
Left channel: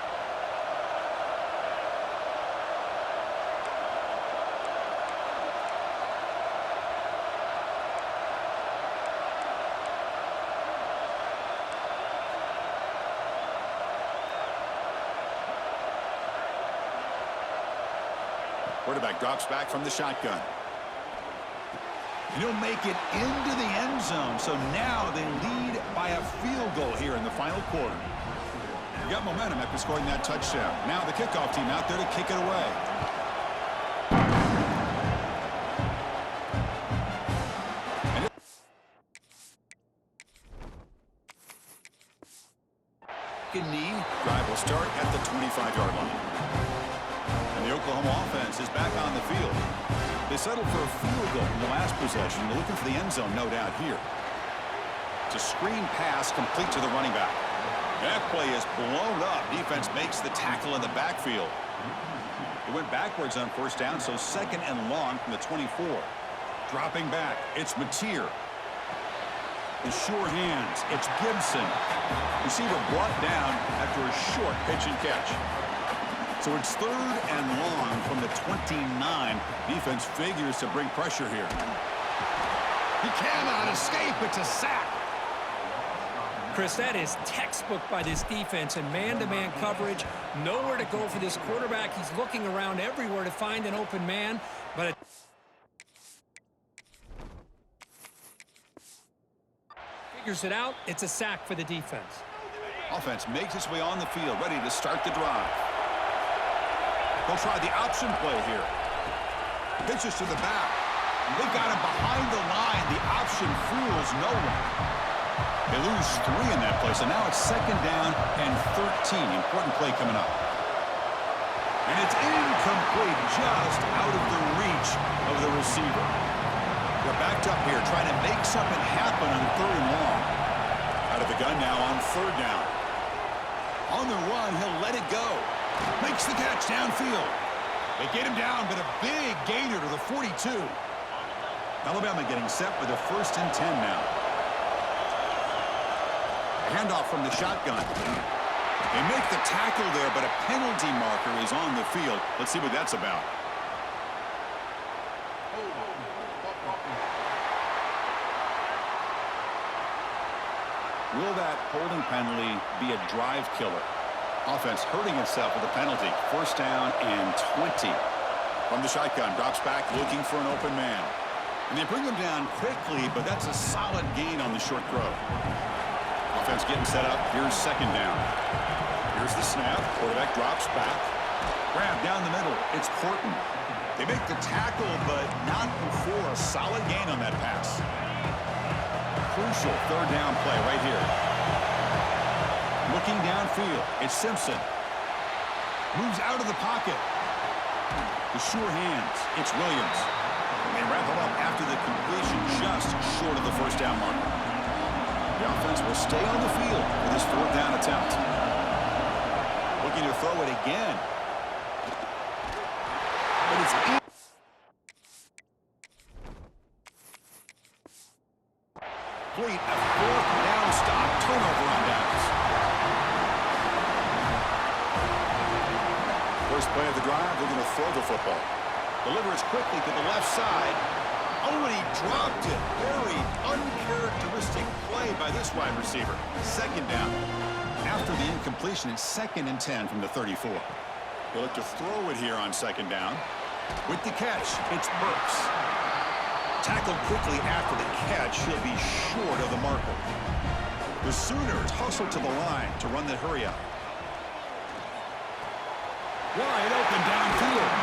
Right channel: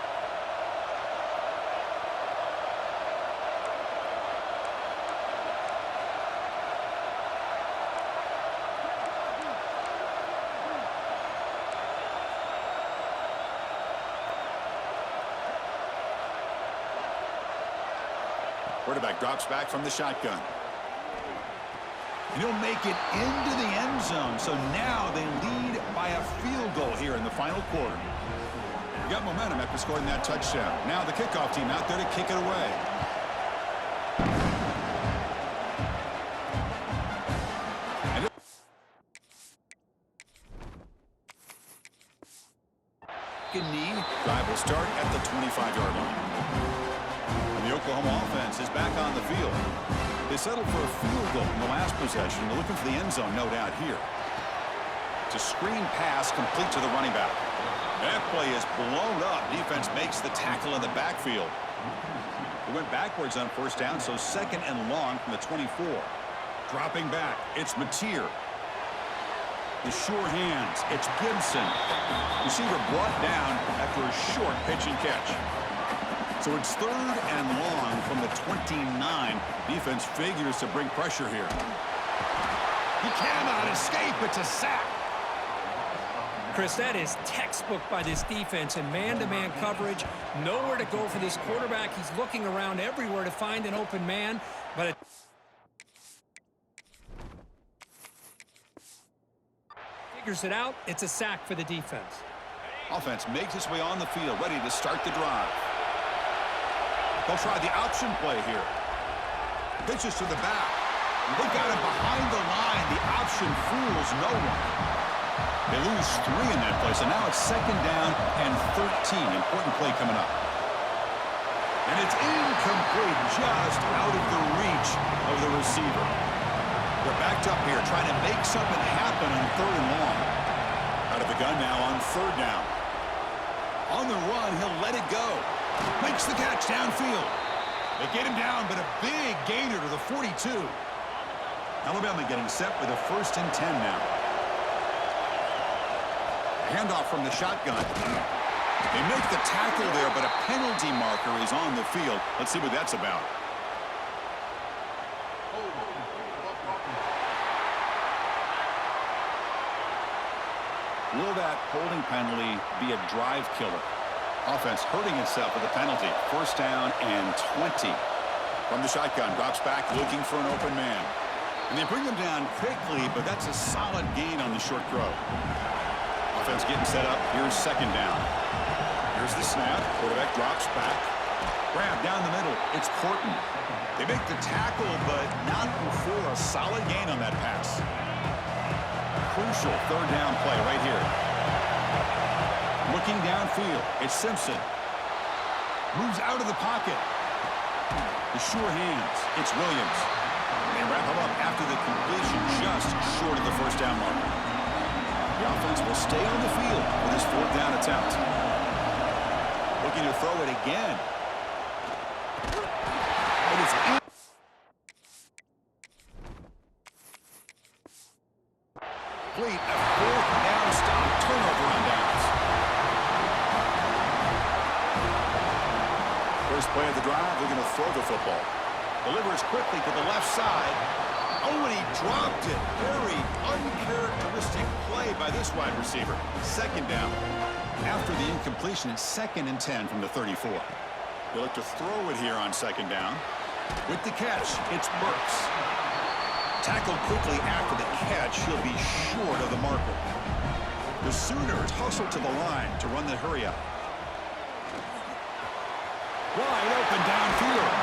Quarterback drops back from the shotgun. And he'll make it into the end zone. So now they lead by a field goal here in the final quarter. We got momentum after scoring that touchdown. Now the kickoff team out there to kick it away. And knee drive will start at the 25-yard line. And the Oklahoma offense is back on the field. They settled for a field goal in the last possession. They're looking for the end zone, no doubt, here. It's a screen pass complete to the running back. That play is blown up. Defense makes the tackle in the backfield. It went backwards on first down, so second and long from the 24. Dropping back, it's Mateer. The sure hands, it's Gibson. Receiver brought down after a short pitch and catch. So it's third and long from the 29. Defense figures to bring pressure here. He cannot escape. It's a sack. Chris, that is textbook by this defense in man-to-man coverage. Nowhere to go for this quarterback. He's looking around everywhere to find an open man, but it figures it out. It's a sack for the defense. Offense makes its way on the field, ready to start the drive. They'll try the option play here. Pitches to the back. They got him behind the line. The option fools no one. They lose 3 in that play, so now it's second down and 13. Important play coming up. And it's incomplete, just out of the reach of the receiver. They're backed up here, trying to make something happen on third and long. Out of the gun now on third down. On the run, he'll let it go. Makes the catch downfield. They get him down, but a big gainer to the 42. Alabama getting set with a 1st and 10 now. Handoff from the shotgun. They make the tackle there, but a penalty marker is on the field. Let's see what that's about. Will that holding penalty be a drive killer? Offense hurting itself with a penalty. 1st down and 20. From the shotgun, drops back looking for an open man. And they bring him down quickly, but that's a solid gain on the short throw. Offense getting set up. Here's second down. Here's the snap. Quarterback drops back. Grab down the middle. It's Horton. They make the tackle, but not before a solid gain on that pass. Crucial third down play right here. Looking downfield. It's Simpson. Moves out of the pocket. The sure hands. It's Williams. They wrap him up after the completion, just short of the first down marker. The offense will stay on the field for this 4th down attempt. Looking to throw it again. But it's in. Complete a 4th down stop. Turnover on downs. First play of the drive, they're going to throw the football. Delivers quickly to the left side. Oh, and he dropped it. Very uncharacteristic play by this wide receiver. Second down. After the incompletion, it's 2nd and 10 from the 34. He'll look to throw it here on 2nd down. With the catch, it's Burks. Tackled quickly after the catch, he'll be short of the marker. The Sooners hustle to the line to run the hurry up. Wide open downfield.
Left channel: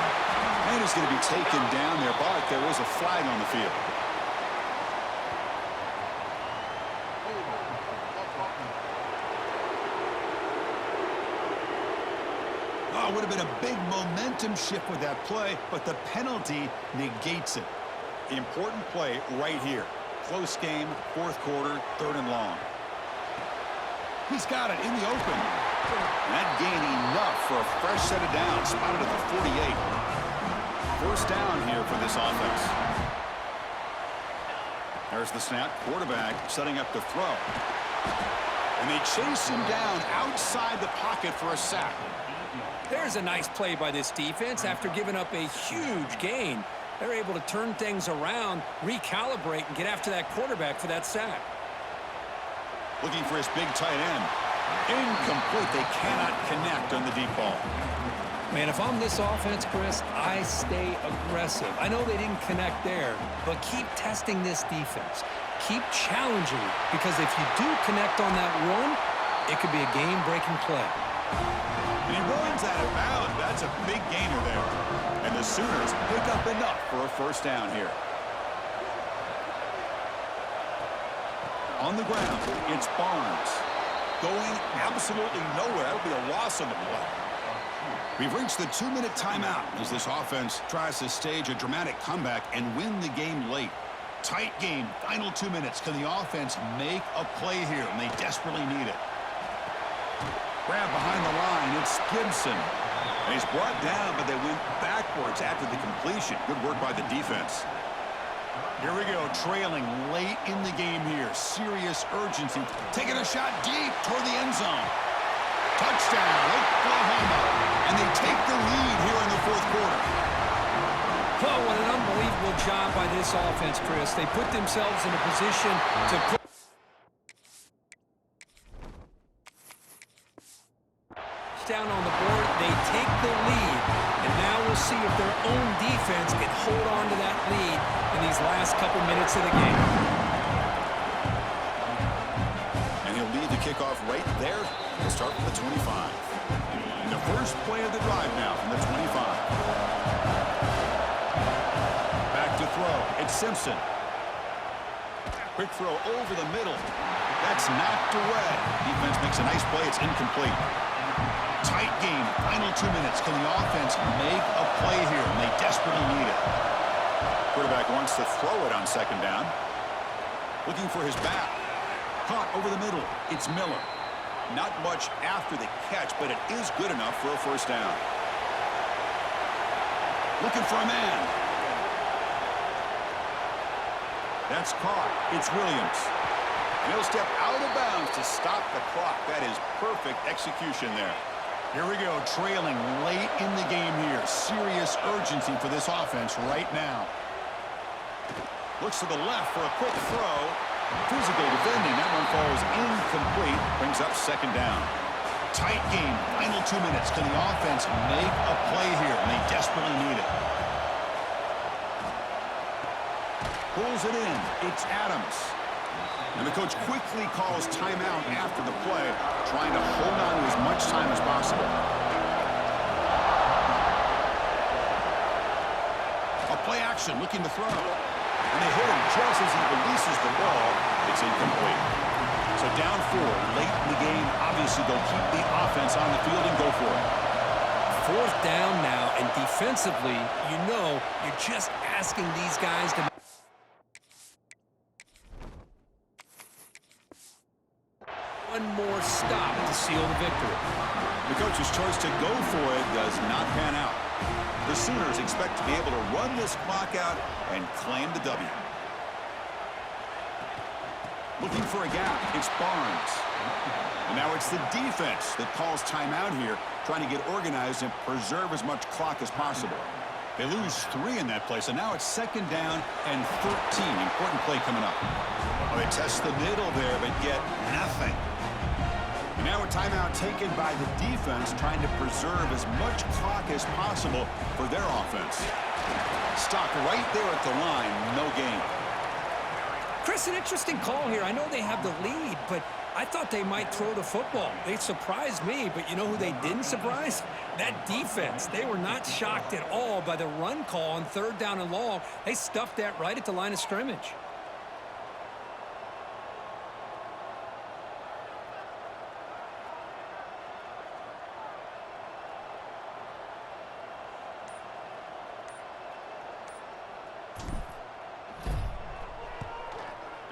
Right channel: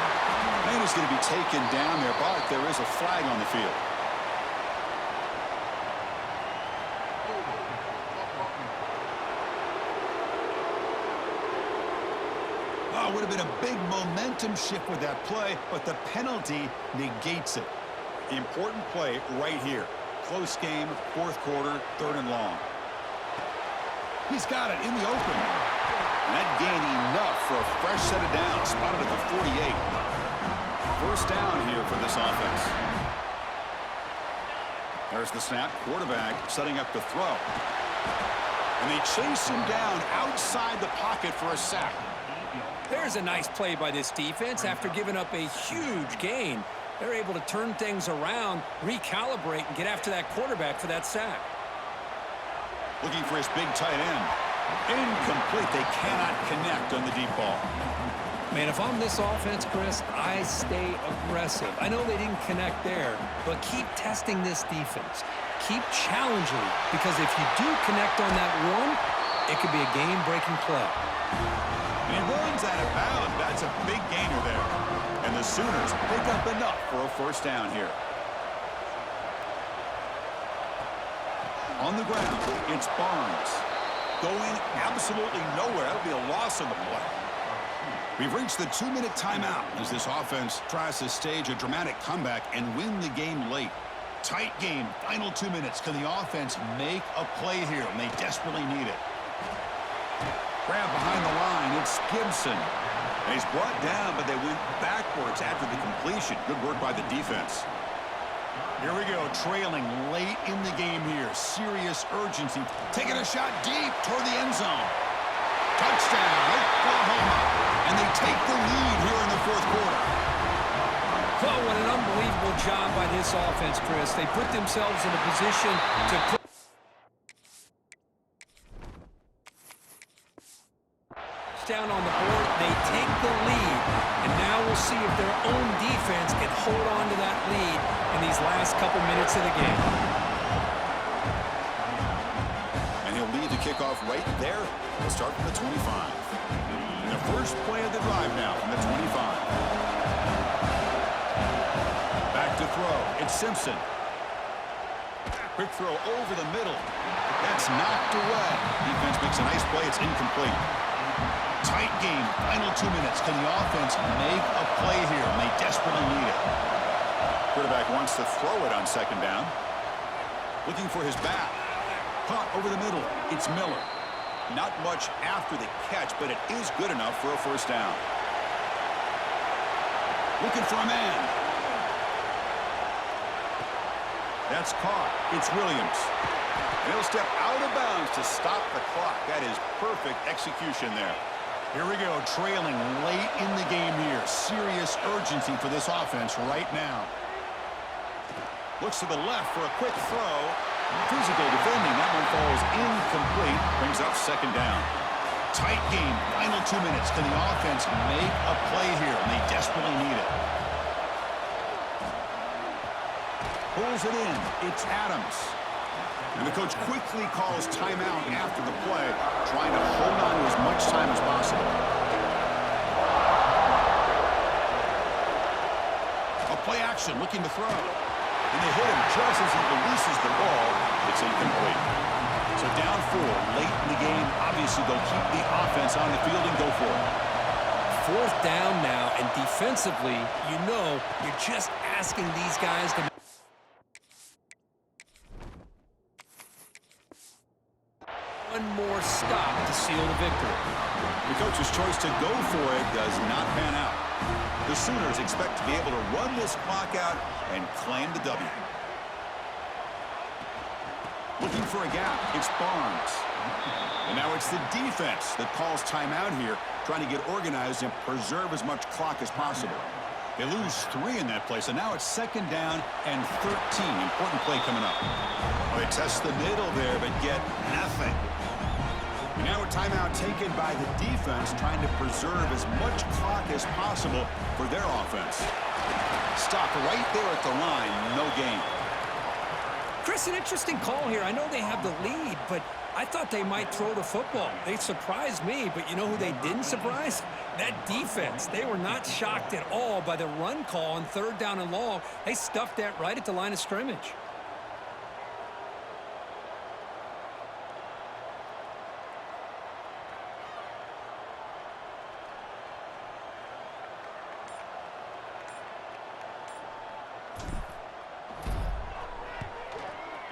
Man is going to be taken down there, but there is a flag on the field. Oh, would have been a big momentum shift with that play, but the penalty negates it. Important play right here. Close game, 4th quarter, 3rd and long. He's got it in the open. And that gained enough for a fresh set of downs, spotted at the 48. First down here for this offense. There's the snap. Quarterback setting up to throw. And they chase him down outside the pocket for a sack. There's a nice play by this defense. After giving up a huge gain, they're able to turn things around, recalibrate, and get after that quarterback for that sack. Looking for his big tight end. Incomplete. They cannot connect on the deep ball. Man, if I'm this offense, Chris, I stay aggressive. I know they didn't connect there, but keep testing this defense. Keep challenging it, because if you do connect on that one, it could be a game-breaking play. And he runs out of bounds. That's a big gainer there. And the Sooners pick up enough for a first down here. On the ground, it's Barnes. Going absolutely nowhere. That would be a loss on the play. We've reached the 2-minute timeout as this offense tries to stage a dramatic comeback and win the game late. Tight game, final 2 minutes. Can the offense make a play here? And they desperately need it. Grab behind the line, it's Gibson. And he's brought down, but they went backwards after the completion. Good work by the defense. Here we go, trailing late in the game here. Serious urgency. Taking a shot deep toward the end zone. Touchdown, Oklahoma. And they take the lead here in the 4th quarter. Oh, what an unbelievable job by this offense, Chris. They put themselves in a position to put down on the board. They take the lead, and now we'll see if their own defense can hold on to that lead in these last couple minutes of the game. And he'll lead the kickoff right there. We'll start from the 25. And the first play of the drive now from the 25. Back to throw. It's Simpson. Quick throw over the middle. That's knocked away. Defense makes a nice play. It's incomplete. Tight game, final 2 minutes. Can the offense make a play here? And they desperately need it. Quarterback wants to throw it on 2nd down. Looking for his back. Caught over the middle. It's Miller. Not much after the catch, but it is good enough for a first down. Looking for a man. That's caught. It's Williams. And he'll step out of bounds to stop the clock. That is perfect execution there. Here we go, trailing late in the game here. Serious urgency for this offense right now. Looks to the left for a quick throw. Physical defending. That one falls incomplete. Brings up 2nd down. Tight game, final 2 minutes. Can the offense make a play here? And they desperately need it. Pulls it in. It's Adams. And the coach quickly calls timeout after the play, trying to hold on to as much time as possible. A play action, looking to throw. And they hit him just as he releases the ball. It's incomplete. So down 4, late in the game. Obviously, they'll keep the offense on the field and go for it. 4th down now, and defensively, you know, you're just asking these guys to one more stop to seal the victory. The coach's choice to go for it does not pan out. The Sooners expect to be able to run this clock out and claim the W. Looking for a gap, it's Barnes. And now it's the defense that calls timeout here, trying to get organized and preserve as much clock as possible. They lose 3 in that play, so now it's 2nd down and 13. Important play coming up. Oh, they test the middle there, but get nothing. And now a timeout taken by the defense, trying to preserve as much clock as possible for their offense. Stopped right there at the line, no gain. Chris, an interesting call here. I know they have the lead, but I thought they might throw the football. They surprised me, but you know who they didn't surprise? That defense. They were not shocked at all by the run call on 3rd down and long. They stuffed that right at the line of scrimmage.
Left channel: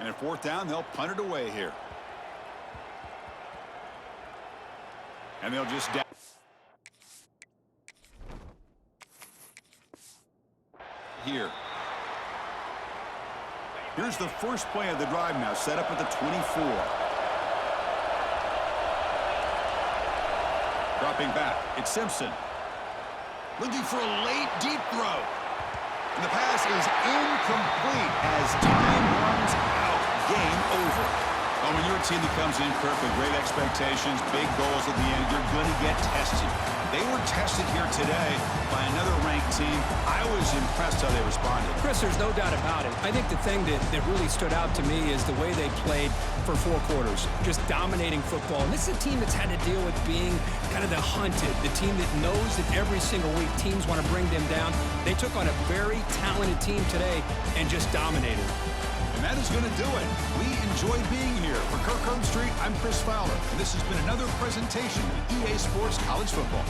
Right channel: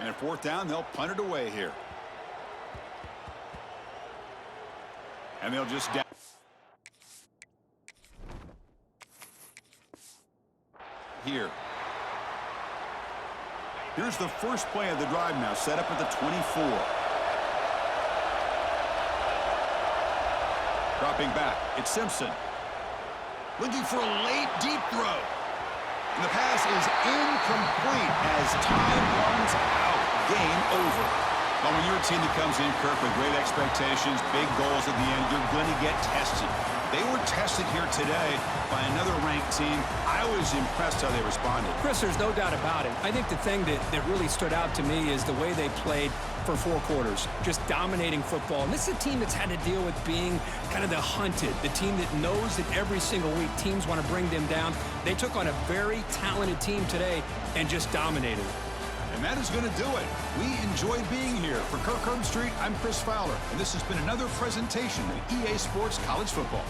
And at 4th down, they'll punt it away here. And they'll just down. Here. Here's the first play of the drive now, set up at the 24. Dropping back, it's Simpson. Looking for a late deep throw. And the pass is incomplete as time runs out. Game over. Well, when you're a team that comes in, Kirk, with great expectations, big goals at the end, you're going to get tested. They were tested here today by another ranked team. I was impressed how they responded. Chris, there's no doubt about it. I think the thing that really stood out to me is the way they played for 4 quarters, just dominating football. And this is a team that's had to deal with being kind of the hunted, the team that knows that every single week teams want to bring them down. They took on a very talented team today and just dominated. And that is going to do it. We enjoyed being here. For Kirk Herbstreit, I'm Chris Fowler, and this has been another presentation of EA Sports College Football.